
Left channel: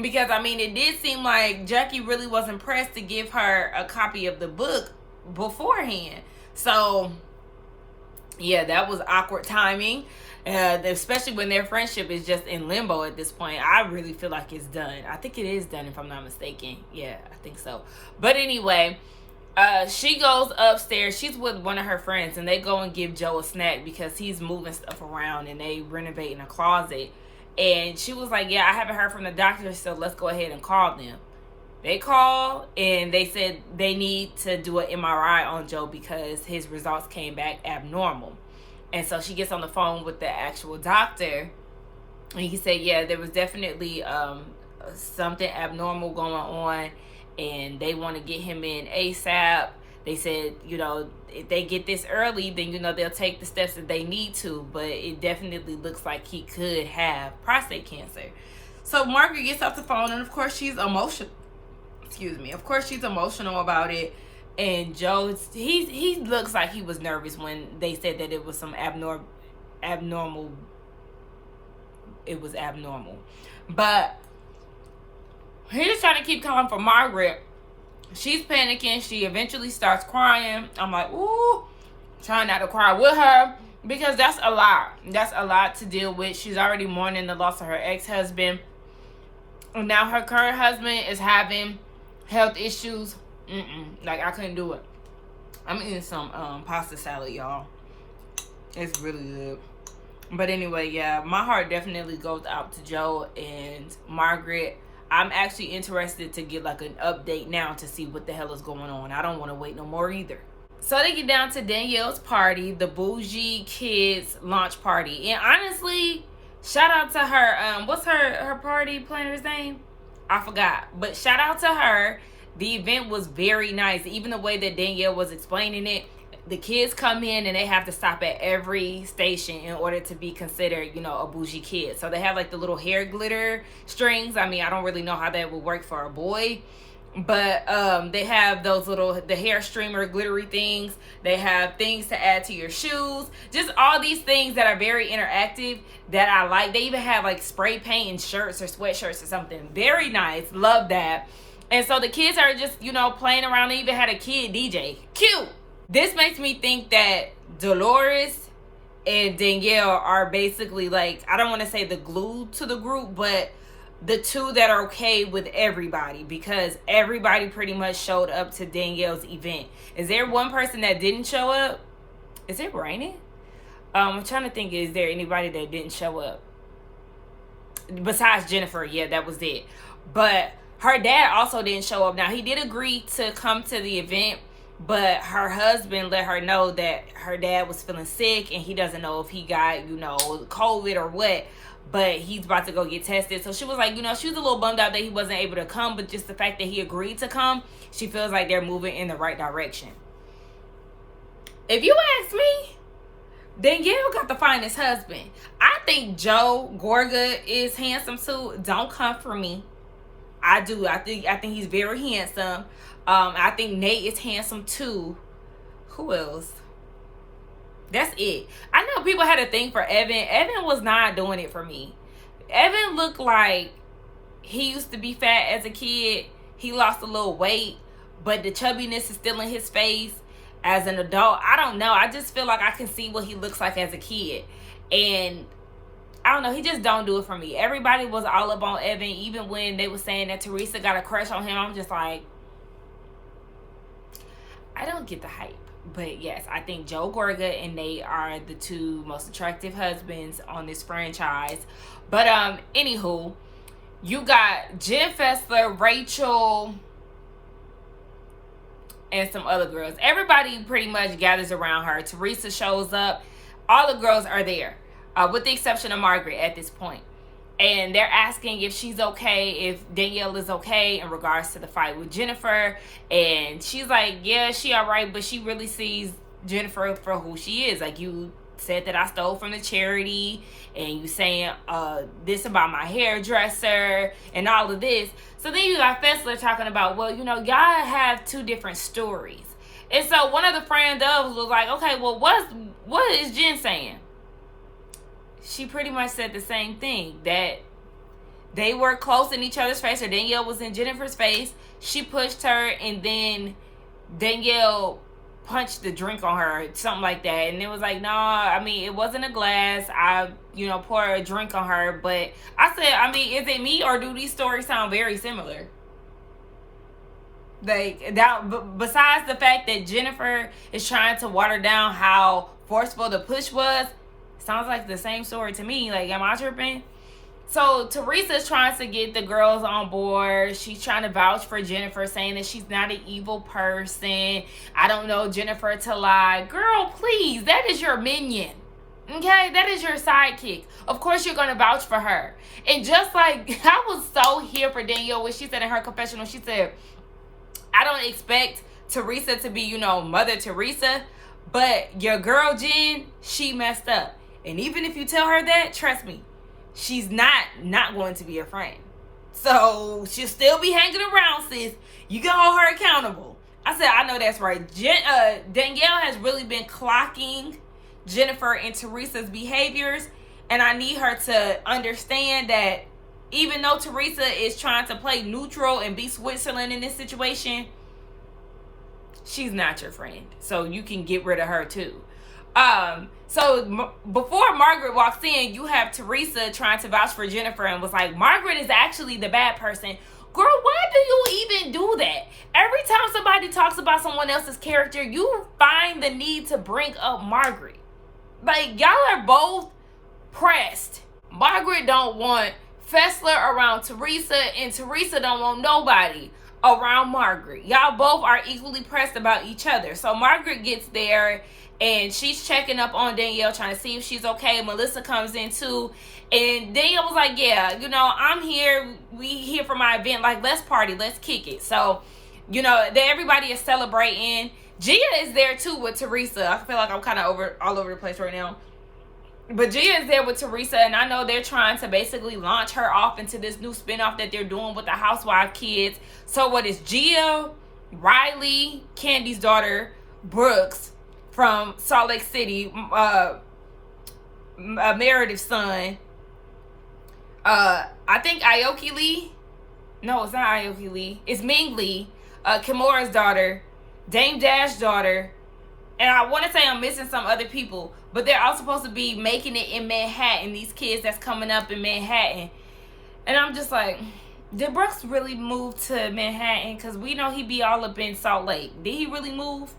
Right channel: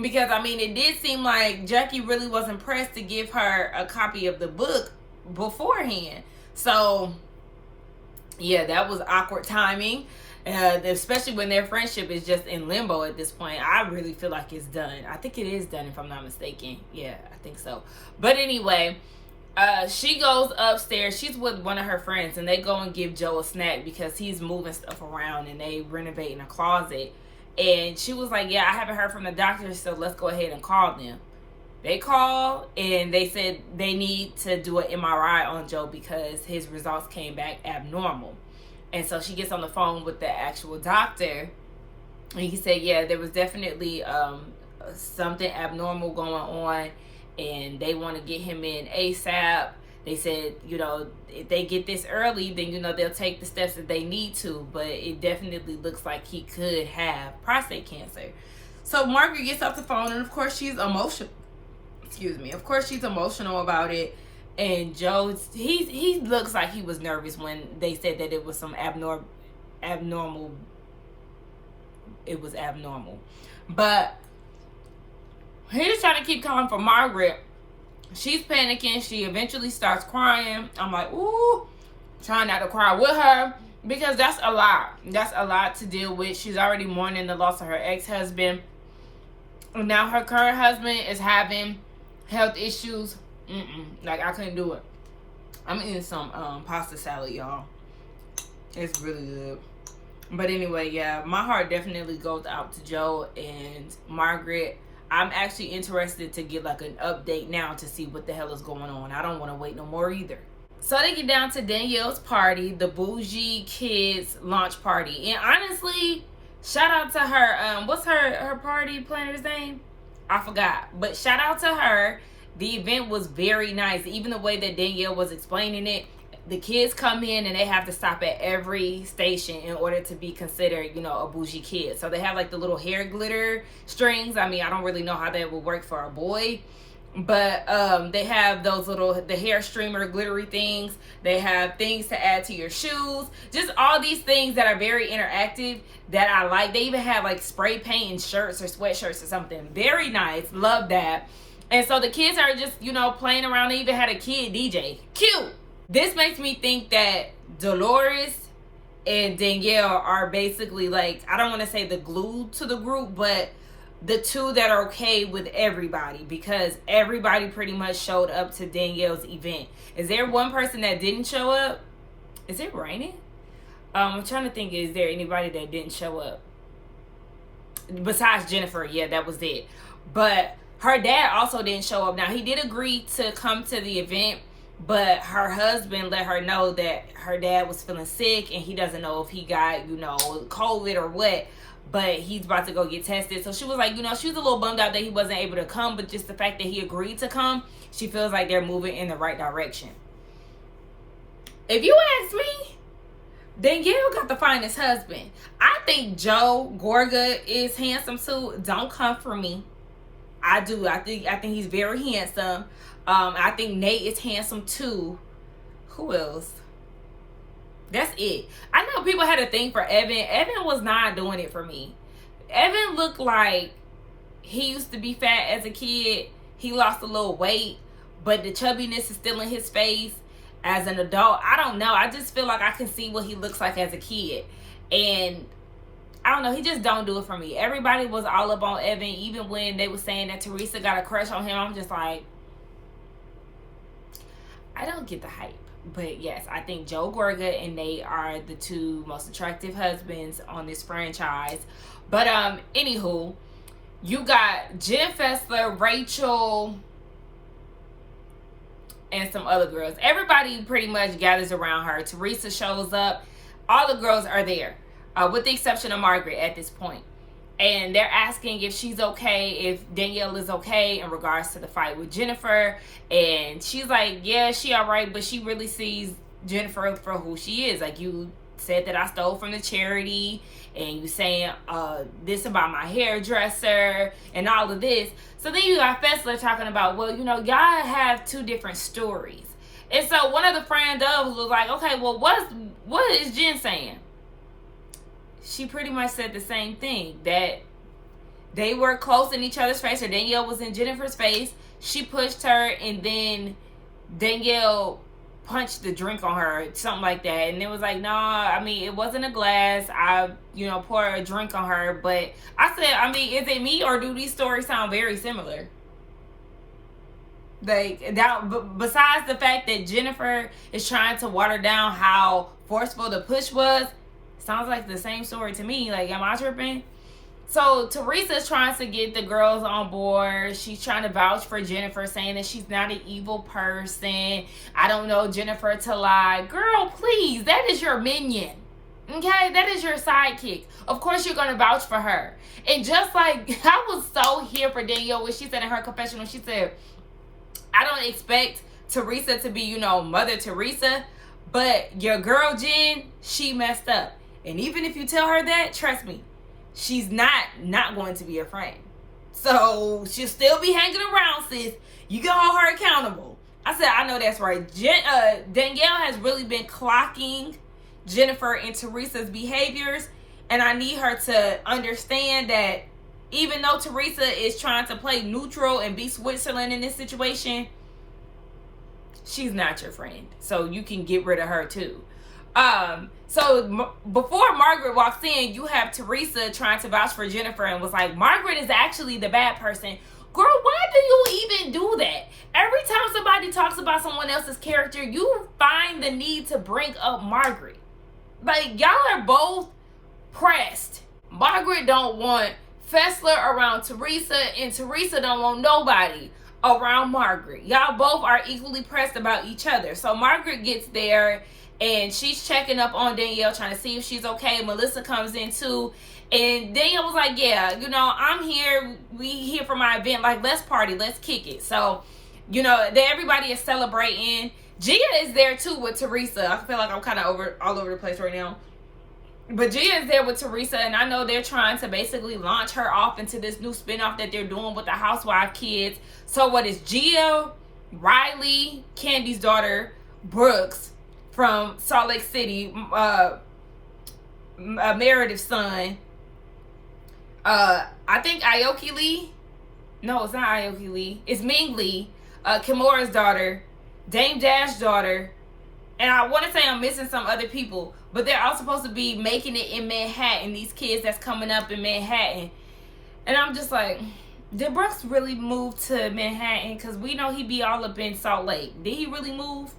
Because, it did seem like Jackie really wasn't pressed to give her a copy of the book beforehand. So, yeah, that was awkward timing. Especially when their friendship is just in limbo at this point. I really feel like it's done. I think it is done, if I'm not mistaken. Yeah, I think so. But anyway, she goes upstairs. She's with one of her friends, and they go and give Joe a snack because he's moving stuff around and they renovating a closet. And she was like, yeah, I haven't heard from the doctor, so let's go ahead and call them. They called and they said they need to do an MRI on Joe because his results came back abnormal. And so she gets on the phone with the actual doctor, and he said, yeah, there was definitely something abnormal going on, and they want to get him in ASAP. They said, if they get this early, then, they'll take the steps that they need to, but it definitely looks like he could have prostate cancer. So Margaret gets off the phone, and of course she's emotional. Of course she's emotional about it. And Joe, he looks like he was nervous when they said that it was some abnormal. It was abnormal. But he's trying to keep calling for Margaret. She's panicking. She eventually starts crying. I'm like, ooh, trying not to cry with her, because that's a lot. That's a lot to deal with. She's already mourning the loss of her ex-husband. And now her current husband is having health issues. Like, I couldn't do it. I'm eating some pasta salad, y'all. It's really good. But anyway, yeah, my heart definitely goes out to Joe and Margaret. I'm actually interested to get like an update now to see what the hell is going on. I don't want to wait no more either. So they get down to Danielle's party, the Bougie Kids launch party. And honestly, shout out to her. What's her party planner's name? I forgot. But shout out to her. The event was very nice. Even the way that Danielle was explaining it. The kids come in and they have to stop at every station in order to be considered, you know, a bougie kid. So they have like the little hair glitter strings. I mean, I don't really know how that would work for a boy. But they have those the hair streamer glittery things. They have things to add to your shoes. Just all these things that are very interactive that I like. They even have like spray paint and shirts or sweatshirts or something. Very nice. Love that. And so the kids are just, you know, playing around. They even had a kid DJ. Cute. This makes me think that Dolores and Danielle are basically like, I don't want to say the glue to the group, but the two that are okay with everybody, because everybody pretty much showed up to Danielle's event. Is there one person that didn't show up? Is it raining? I'm trying to think, is there anybody that didn't show up? Besides Jennifer, yeah, that was it. But her dad also didn't show up. Now, he did agree to come to the event, but her husband let her know that her dad was feeling sick and he doesn't know if he got, you know, COVID or what, but he's about to go get tested. So she was like, you know, she was a little bummed out that he wasn't able to come, but just the fact that he agreed to come, she feels like they're moving in the right direction. If you ask me, Danielle got the finest husband. I think Joe Gorga is handsome too. Don't come for me. I do. I think he's very handsome. I think Nate is handsome too. Who else? That's it. I know people had a thing for Evan. Evan was not doing it for me. Evan looked like he used to be fat as a kid. He lost a little weight, but the chubbiness is still in his face as an adult. I don't know. I just feel like I can see what he looks like as a kid. And I don't know. He just don't do it for me. Everybody was all up on Evan. Even when they were saying that Teresa got a crush on him, I'm just like, I don't get the hype. But yes, I think Joe Gorga and Nate are the two most attractive husbands on this franchise. But anywho, you got Jen Fessler, Rachel, and some other girls. Everybody pretty much gathers around her. Teresa shows up. All the girls are there, with the exception of Margaret at this point. And they're asking if she's okay, if Danielle is okay in regards to the fight with Jennifer. And she's like, yeah, she all right, but she really sees Jennifer for who she is. Like, you said that I stole from the charity, and you saying this about my hairdresser and all of this. So then you got Fessler talking about, well, you know, y'all have two different stories. And so one of the friend of was like, okay, well, what is Jen saying? She pretty much said the same thing, that they were close in each other's face, or Danielle was in Jennifer's face. She pushed her, and then Danielle punched the drink on her, something like that. And it was like, nah, I mean, it wasn't a glass. I, you know, poured a drink on her. But I said, I mean, is it me, or do these stories sound very similar? Like, that, besides the fact that Jennifer is trying to water down how forceful the push was, sounds like the same story to me. Like, am I tripping? So Teresa's trying to get the girls on board. She's trying to vouch for Jennifer, saying that she's not an evil person. I don't know Jennifer to lie. Girl, please, that is your minion. Okay, that is your sidekick. Of course you're going to vouch for her. And just like, I was so here for Danielle when she said in her confessional, she said, I don't expect Teresa to be, you know, Mother Teresa, but your girl Jen, she messed up. And even if you tell her that, trust me, she's not going to be a friend. So she'll still be hanging around, sis. You can hold her accountable. I said, I know that's right. Danielle has really been clocking Jennifer and Teresa's behaviors, and I need her to understand that even though Teresa is trying to play neutral and be Switzerland in this situation, she's not your friend. So you can get rid of her too. So before Margaret walks in, you have Teresa trying to vouch for Jennifer and was like, Margaret is actually the bad person. Girl, why do you even do that? Every time somebody talks about someone else's character, you find the need to bring up Margaret. Like, y'all are both pressed. Margaret don't want Fessler around Teresa, and Teresa don't want nobody around Margaret. Y'all both are equally pressed about each other. So Margaret gets there and she's checking up on Danielle, trying to see if she's okay. Melissa comes in too, and Danielle was like, yeah, you know, I'm here, we here for my event, like, let's party, let's kick it. So, you know, everybody is celebrating. Gia is there too with Teresa. I feel like I'm kind of all over the place right now. But Gia is there with Teresa, and I know they're trying to basically launch her off into this new spinoff that they're doing with the Housewives kids. So what is Gia, Riley, Candy's daughter, Brooks from Salt Lake City, Meredith's son, I think Aoki Lee. No, it's not Aoki Lee. It's Ming Lee, Kimura's daughter, Dame Dash's daughter, and I want to say I'm missing some other people, but they're all supposed to be making it in Manhattan, these kids that's coming up in Manhattan. And I'm just like, did Brooks really move to Manhattan? Because we know he be all up in Salt Lake. Did he really move?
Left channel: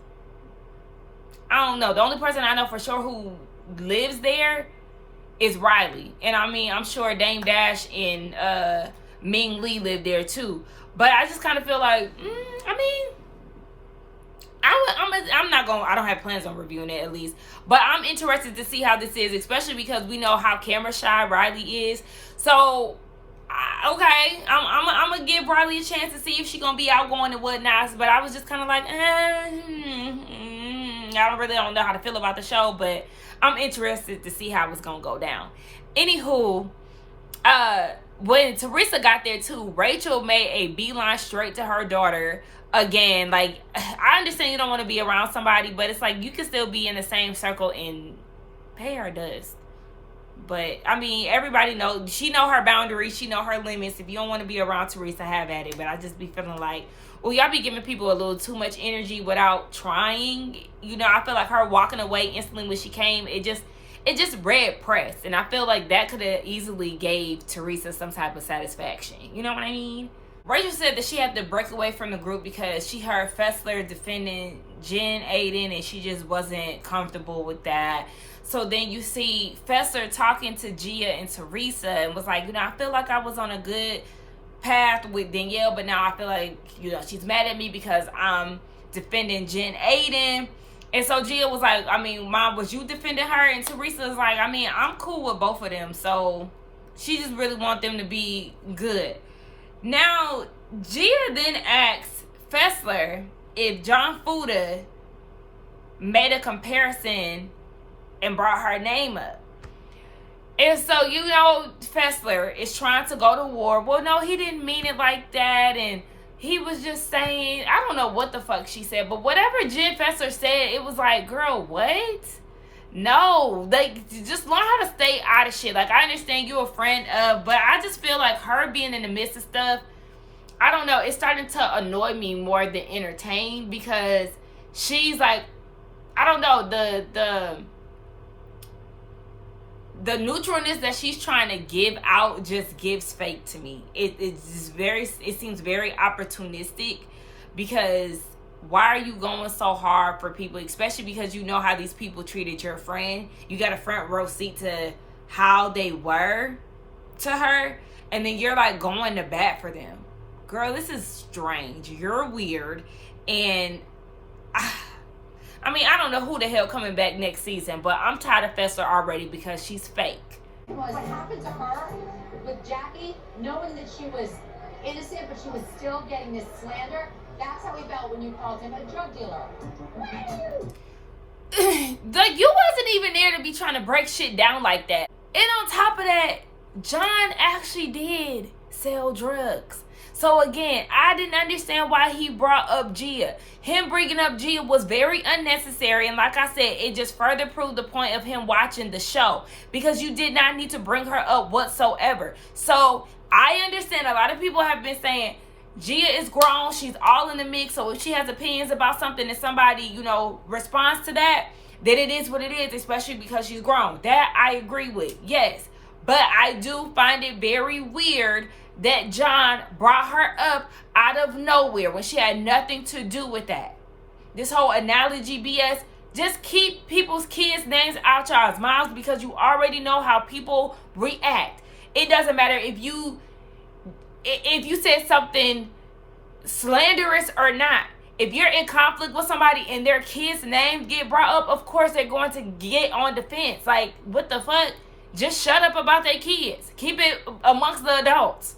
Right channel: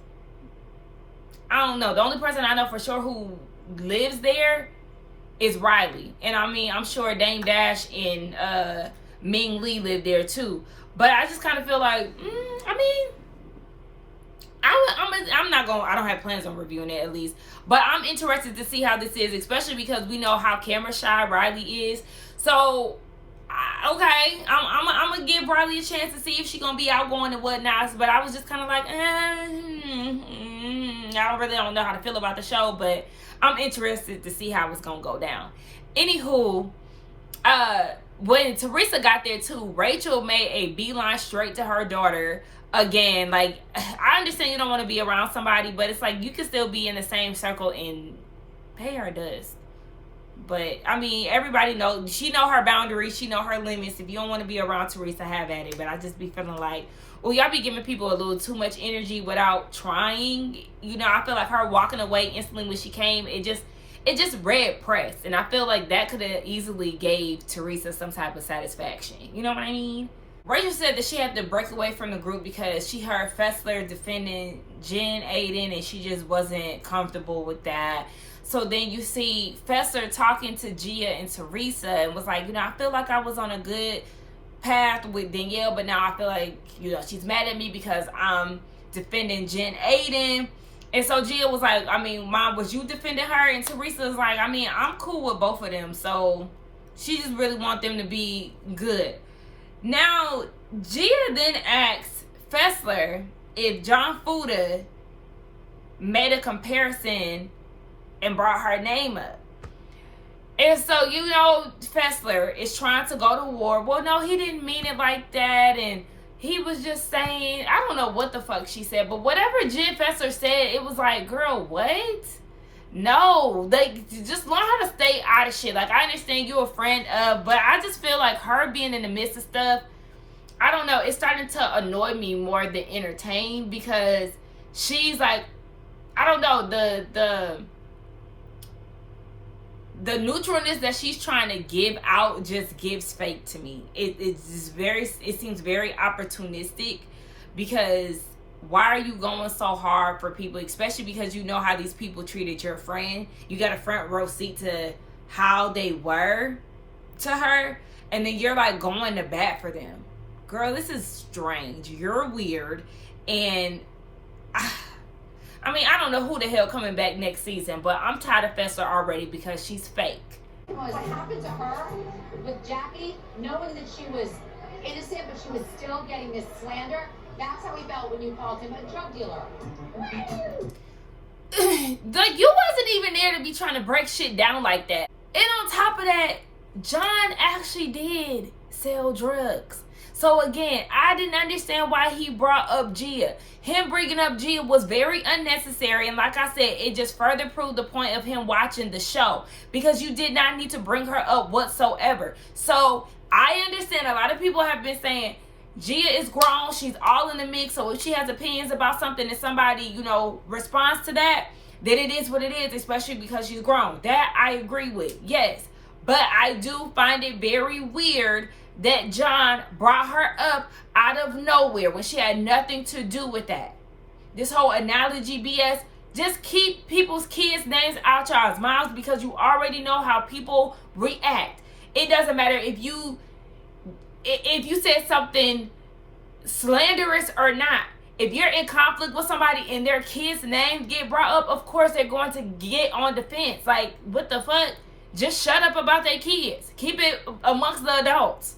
I don't know. The only person I know for sure who lives there is Riley. And I mean, I'm sure Dame Dash and Ming Lee live there too. But I just kind of feel like, I mean, I'm not going, I don't have plans on reviewing it at least, but I'm interested to see how this is, especially because we know how camera shy Riley is. So, okay, I'm going to give Riley a chance to see if she's going to be outgoing and whatnot, but I was just kind of like, I don't know how to feel about the show, but I'm interested to see how it's going to go down. Anywho, when Teresa got there too, Rachel made a beeline straight to her daughter. Again, like, I understand you don't want to be around somebody, but it's like you can still be in the same circle and pay her dust. But I mean, everybody knows, she know her boundaries, she know her limits. If you don't want to be around Teresa, have at it. But I just be feeling like, well, y'all be giving people a little too much energy without trying. You know, I feel like her walking away instantly when she came, it just read press, and I feel like that could have easily gave Teresa some type of satisfaction. You know what I mean? Rachel said that she had to break away from the group because she heard Fessler defending Jen Aiden, and she just wasn't comfortable with that. So then you see Fessler talking to Gia and Teresa and was like, you know, I feel like I was on a good path with Danielle, but now I feel like, you know, she's mad at me because I'm defending Jen Aiden. And so Gia was like, I mean, Mom, was you defending her? And Teresa was like, I mean, I'm cool with both of them. So she just really want them to be good. Now, Gia then asks Fessler if John Fuda made a comparison and brought her name up. And so, you know, Fessler is trying to go to war. Well, no, he didn't mean it like that. And he was just saying, I don't know what the fuck she said, but whatever Jen Fessler said, it was like, girl, what? No, just learn how to stay out of shit. Like, I understand you're a friend of, but I just feel like her being in the midst of stuff, I don't know, it's starting to annoy me more than entertain, because she's like, I don't know, the neutralness that she's trying to give out just gives fake to me. It seems very opportunistic, because why are you going so hard for people, especially because you know how these people treated your friend? You got a front row seat to how they were to her, and then you're like going to bat for them. Girl, this is strange. You're weird. And I mean, I don't know who the hell coming back next season, but I'm tired of Fessler already because she's fake. What happened to her with Jackie, knowing that she was innocent, but she was still getting this slander? That's how he felt when you called him a drug dealer. Like, you wasn't even there to be trying to break shit down like that. And on top of that, John actually did sell drugs. So again, I didn't understand why he brought up Gia. Him bringing up Gia was very unnecessary. And like I said, it just further proved the point of him watching the show. Because you did not need to bring her up whatsoever. So I understand a lot of people have been saying, Gia is grown. She's all in the mix. So if she has opinions about something and somebody, you know, responds to that, then it is what it is, especially because she's grown. That I agree with. Yes. But I do find it very weird that John brought her up out of nowhere when she had nothing to do with that. This whole analogy BS, just keep people's kids' names out y'all's mouths because you already know how people react. It doesn't matter if you said something slanderous or not. If you're in conflict with somebody and their kids' names get brought up, of course they're going to get on defense. Like, what the fuck? Just shut up about their kids. Keep it amongst the adults.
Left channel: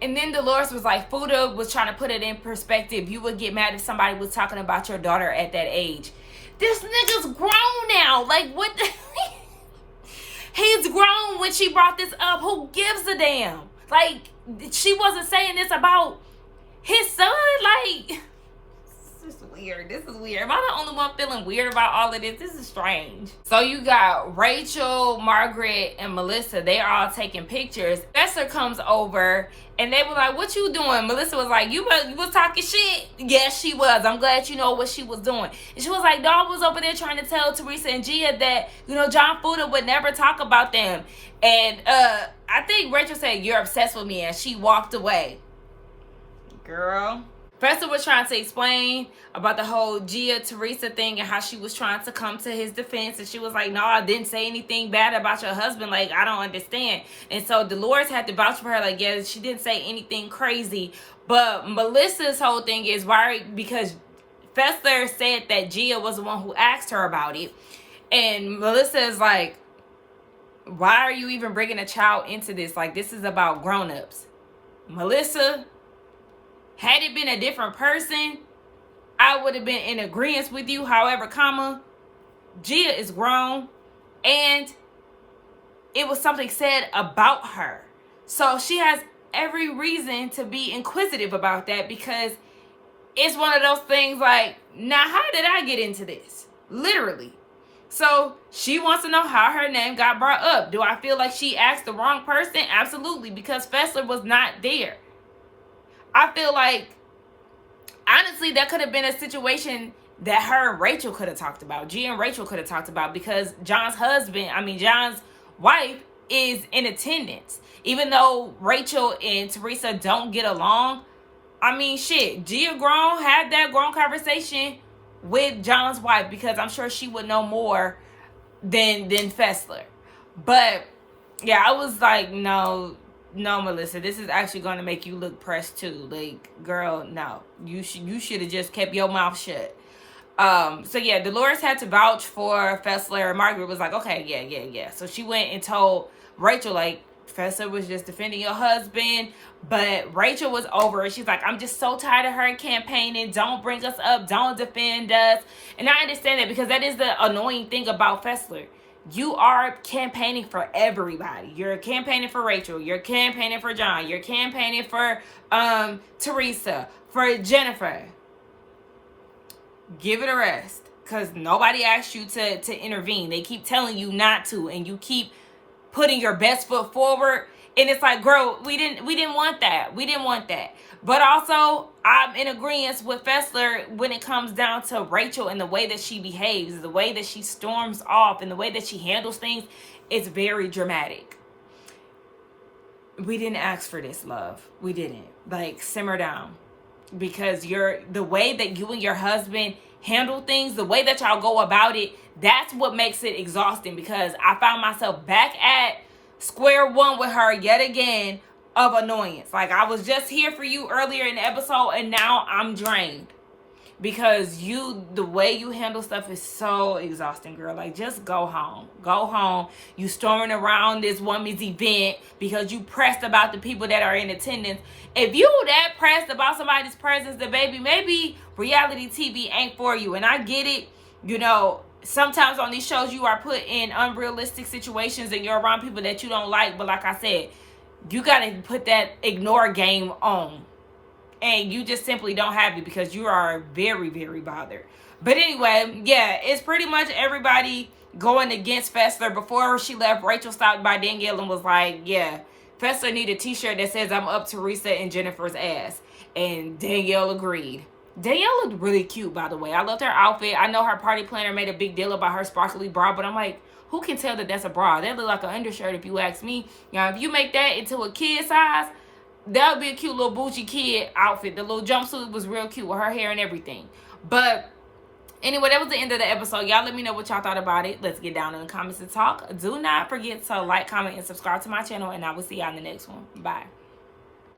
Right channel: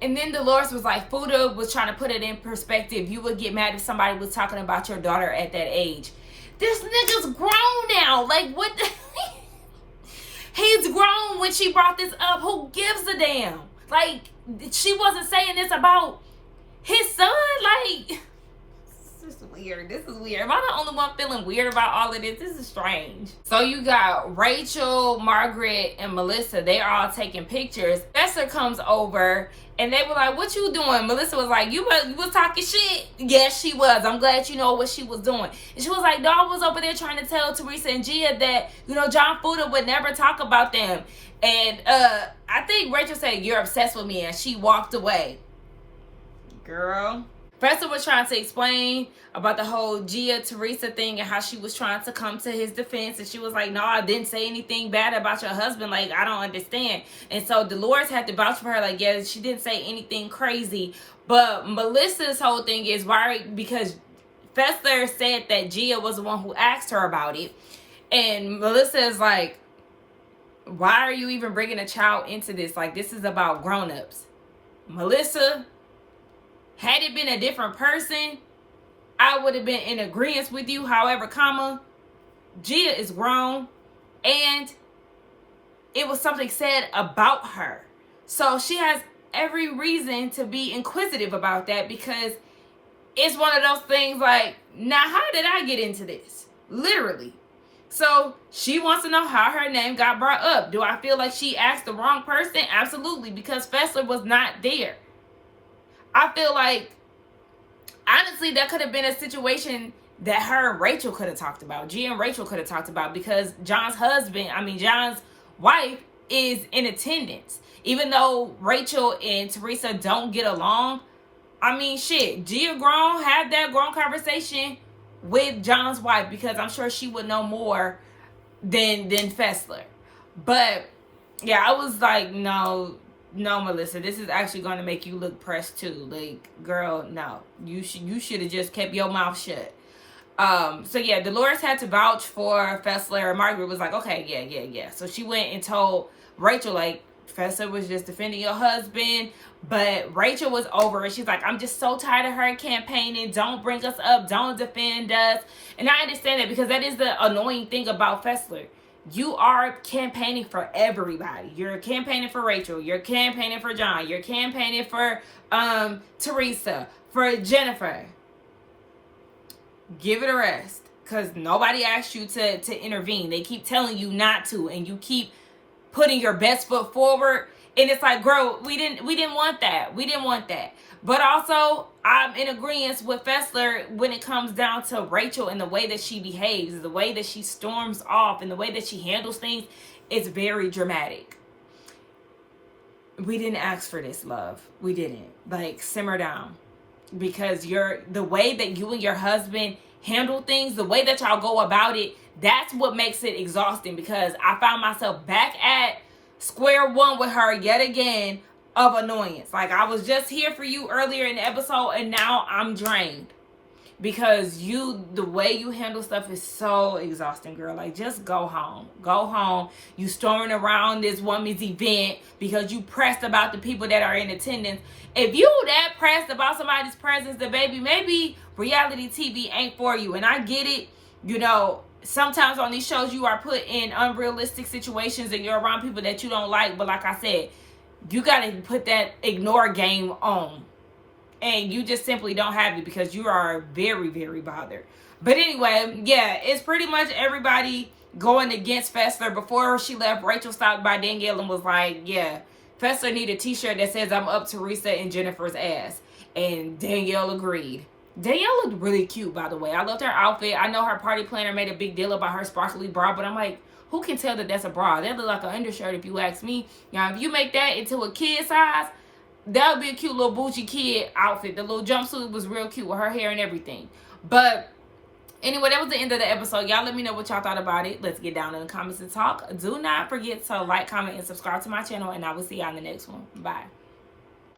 And then Dolores was like, Fuda was trying to put it in perspective. You would get mad if somebody was talking about your daughter at that age. This nigga's grown now. Like, what the... He's grown when she brought this up. Who gives a damn? Like, she wasn't saying this about his son. Like, this is weird. This is weird. Am I the only one feeling weird about all of this? This is strange. So you got Rachel, Margaret, and Melissa. They are all taking pictures. Fessler comes over. And they were like, what you doing? Melissa was like, you was talking shit? Yes, she was. I'm glad you know what she was doing. And she was like, no, I was over there trying to tell Teresa and Gia that, you know, John Fuda would never talk about them. And I think Rachel said, you're obsessed with me. And she walked away. Girl. Fessler was trying to explain about the whole Gia Teresa thing and how she was trying to come to his defense. And she was like, no, I didn't say anything bad about your husband. Like, I don't understand. And so Dolores had to vouch for her. Like, yeah, she didn't say anything crazy. But Melissa's whole thing is why, because Fessler said that Gia was the one who asked her about it. And Melissa is like, why are you even bringing a child into this? Like, this is about grown-ups. Melissa, had it been a different person, I would have been in agreement with you. However, Gia is grown and it was something said about her. So she has every reason to be inquisitive about that because it's one of those things like, now how did I get into this? Literally. So she wants to know how her name got brought up. Do I feel like she asked the wrong person? Absolutely, because Fessler was not there. I feel like, honestly, that could have been a situation that her and Rachel could have talked about. Gia and Rachel could have talked about because John's wife is in attendance. Even though Rachel and Teresa don't get along, I mean, shit, Gia grown, had that grown conversation with John's wife because I'm sure she would know more than Fessler. But, yeah, I was like, no, Melissa, this is actually going to make you look pressed too. Like, girl, no. You should have just kept your mouth shut. So, yeah, Dolores had to vouch for Fessler. And Margaret was like, okay, yeah. So she went and told Rachel, like, Fessler was just defending your husband. But Rachel was over it. She's like, I'm just so tired of her campaigning. Don't bring us up. Don't defend us. And I understand that because that is the annoying thing about Fessler. You are campaigning for everybody. You're campaigning for Rachel. You're campaigning for John. You're campaigning for Teresa, for Jennifer. Give it a rest. Because nobody asked you to intervene. They keep telling you not to. And you keep putting your best foot forward. And it's like, girl, we didn't want that. We didn't want that. But also, I'm in agreement with Fessler when it comes down to Rachel and the way that she behaves, the way that she storms off, and the way that she handles things. It's very dramatic. We didn't ask for this, love. We didn't. Like, simmer down. Because the way that you and your husband handle things, the way that y'all go about it, that's what makes it exhausting. Because I found myself back at square one with her yet again of annoyance. Like, I was just here for you earlier in the episode and now I'm drained because the way you handle stuff is so exhausting, girl. Like, just go home. You storming around this woman's event because you pressed about the people that are in attendance. If you that pressed about somebody's presence, then baby, maybe reality TV ain't for you. And I get it, you know, sometimes on these shows you are put in unrealistic situations and you're around people that you don't like. But like I said, you got to put that ignore game on. and you just simply don't have it because you are very, very bothered. But anyway, yeah, it's pretty much everybody going against Fessler. Before she left, Rachel stopped by Danielle and was like, yeah, Fessler need a t-shirt that says I'm up Teresa and Jennifer's ass. And Danielle agreed. Danielle looked really cute, by the way. I loved her outfit. I know her party planner made a big deal about her sparkly bra, but I'm like, who can tell that that's a bra? That look like an undershirt if you ask me. Now, if you make that into a kid size, that would be a cute little Bougie kid outfit. The little jumpsuit was real cute with her hair and everything. But anyway, that was the end of the episode. Y'all let me know what y'all thought about it. Let's get down in the comments and talk. Do not forget to like, comment, and subscribe to my channel, and I will see y'all in the next one. Bye.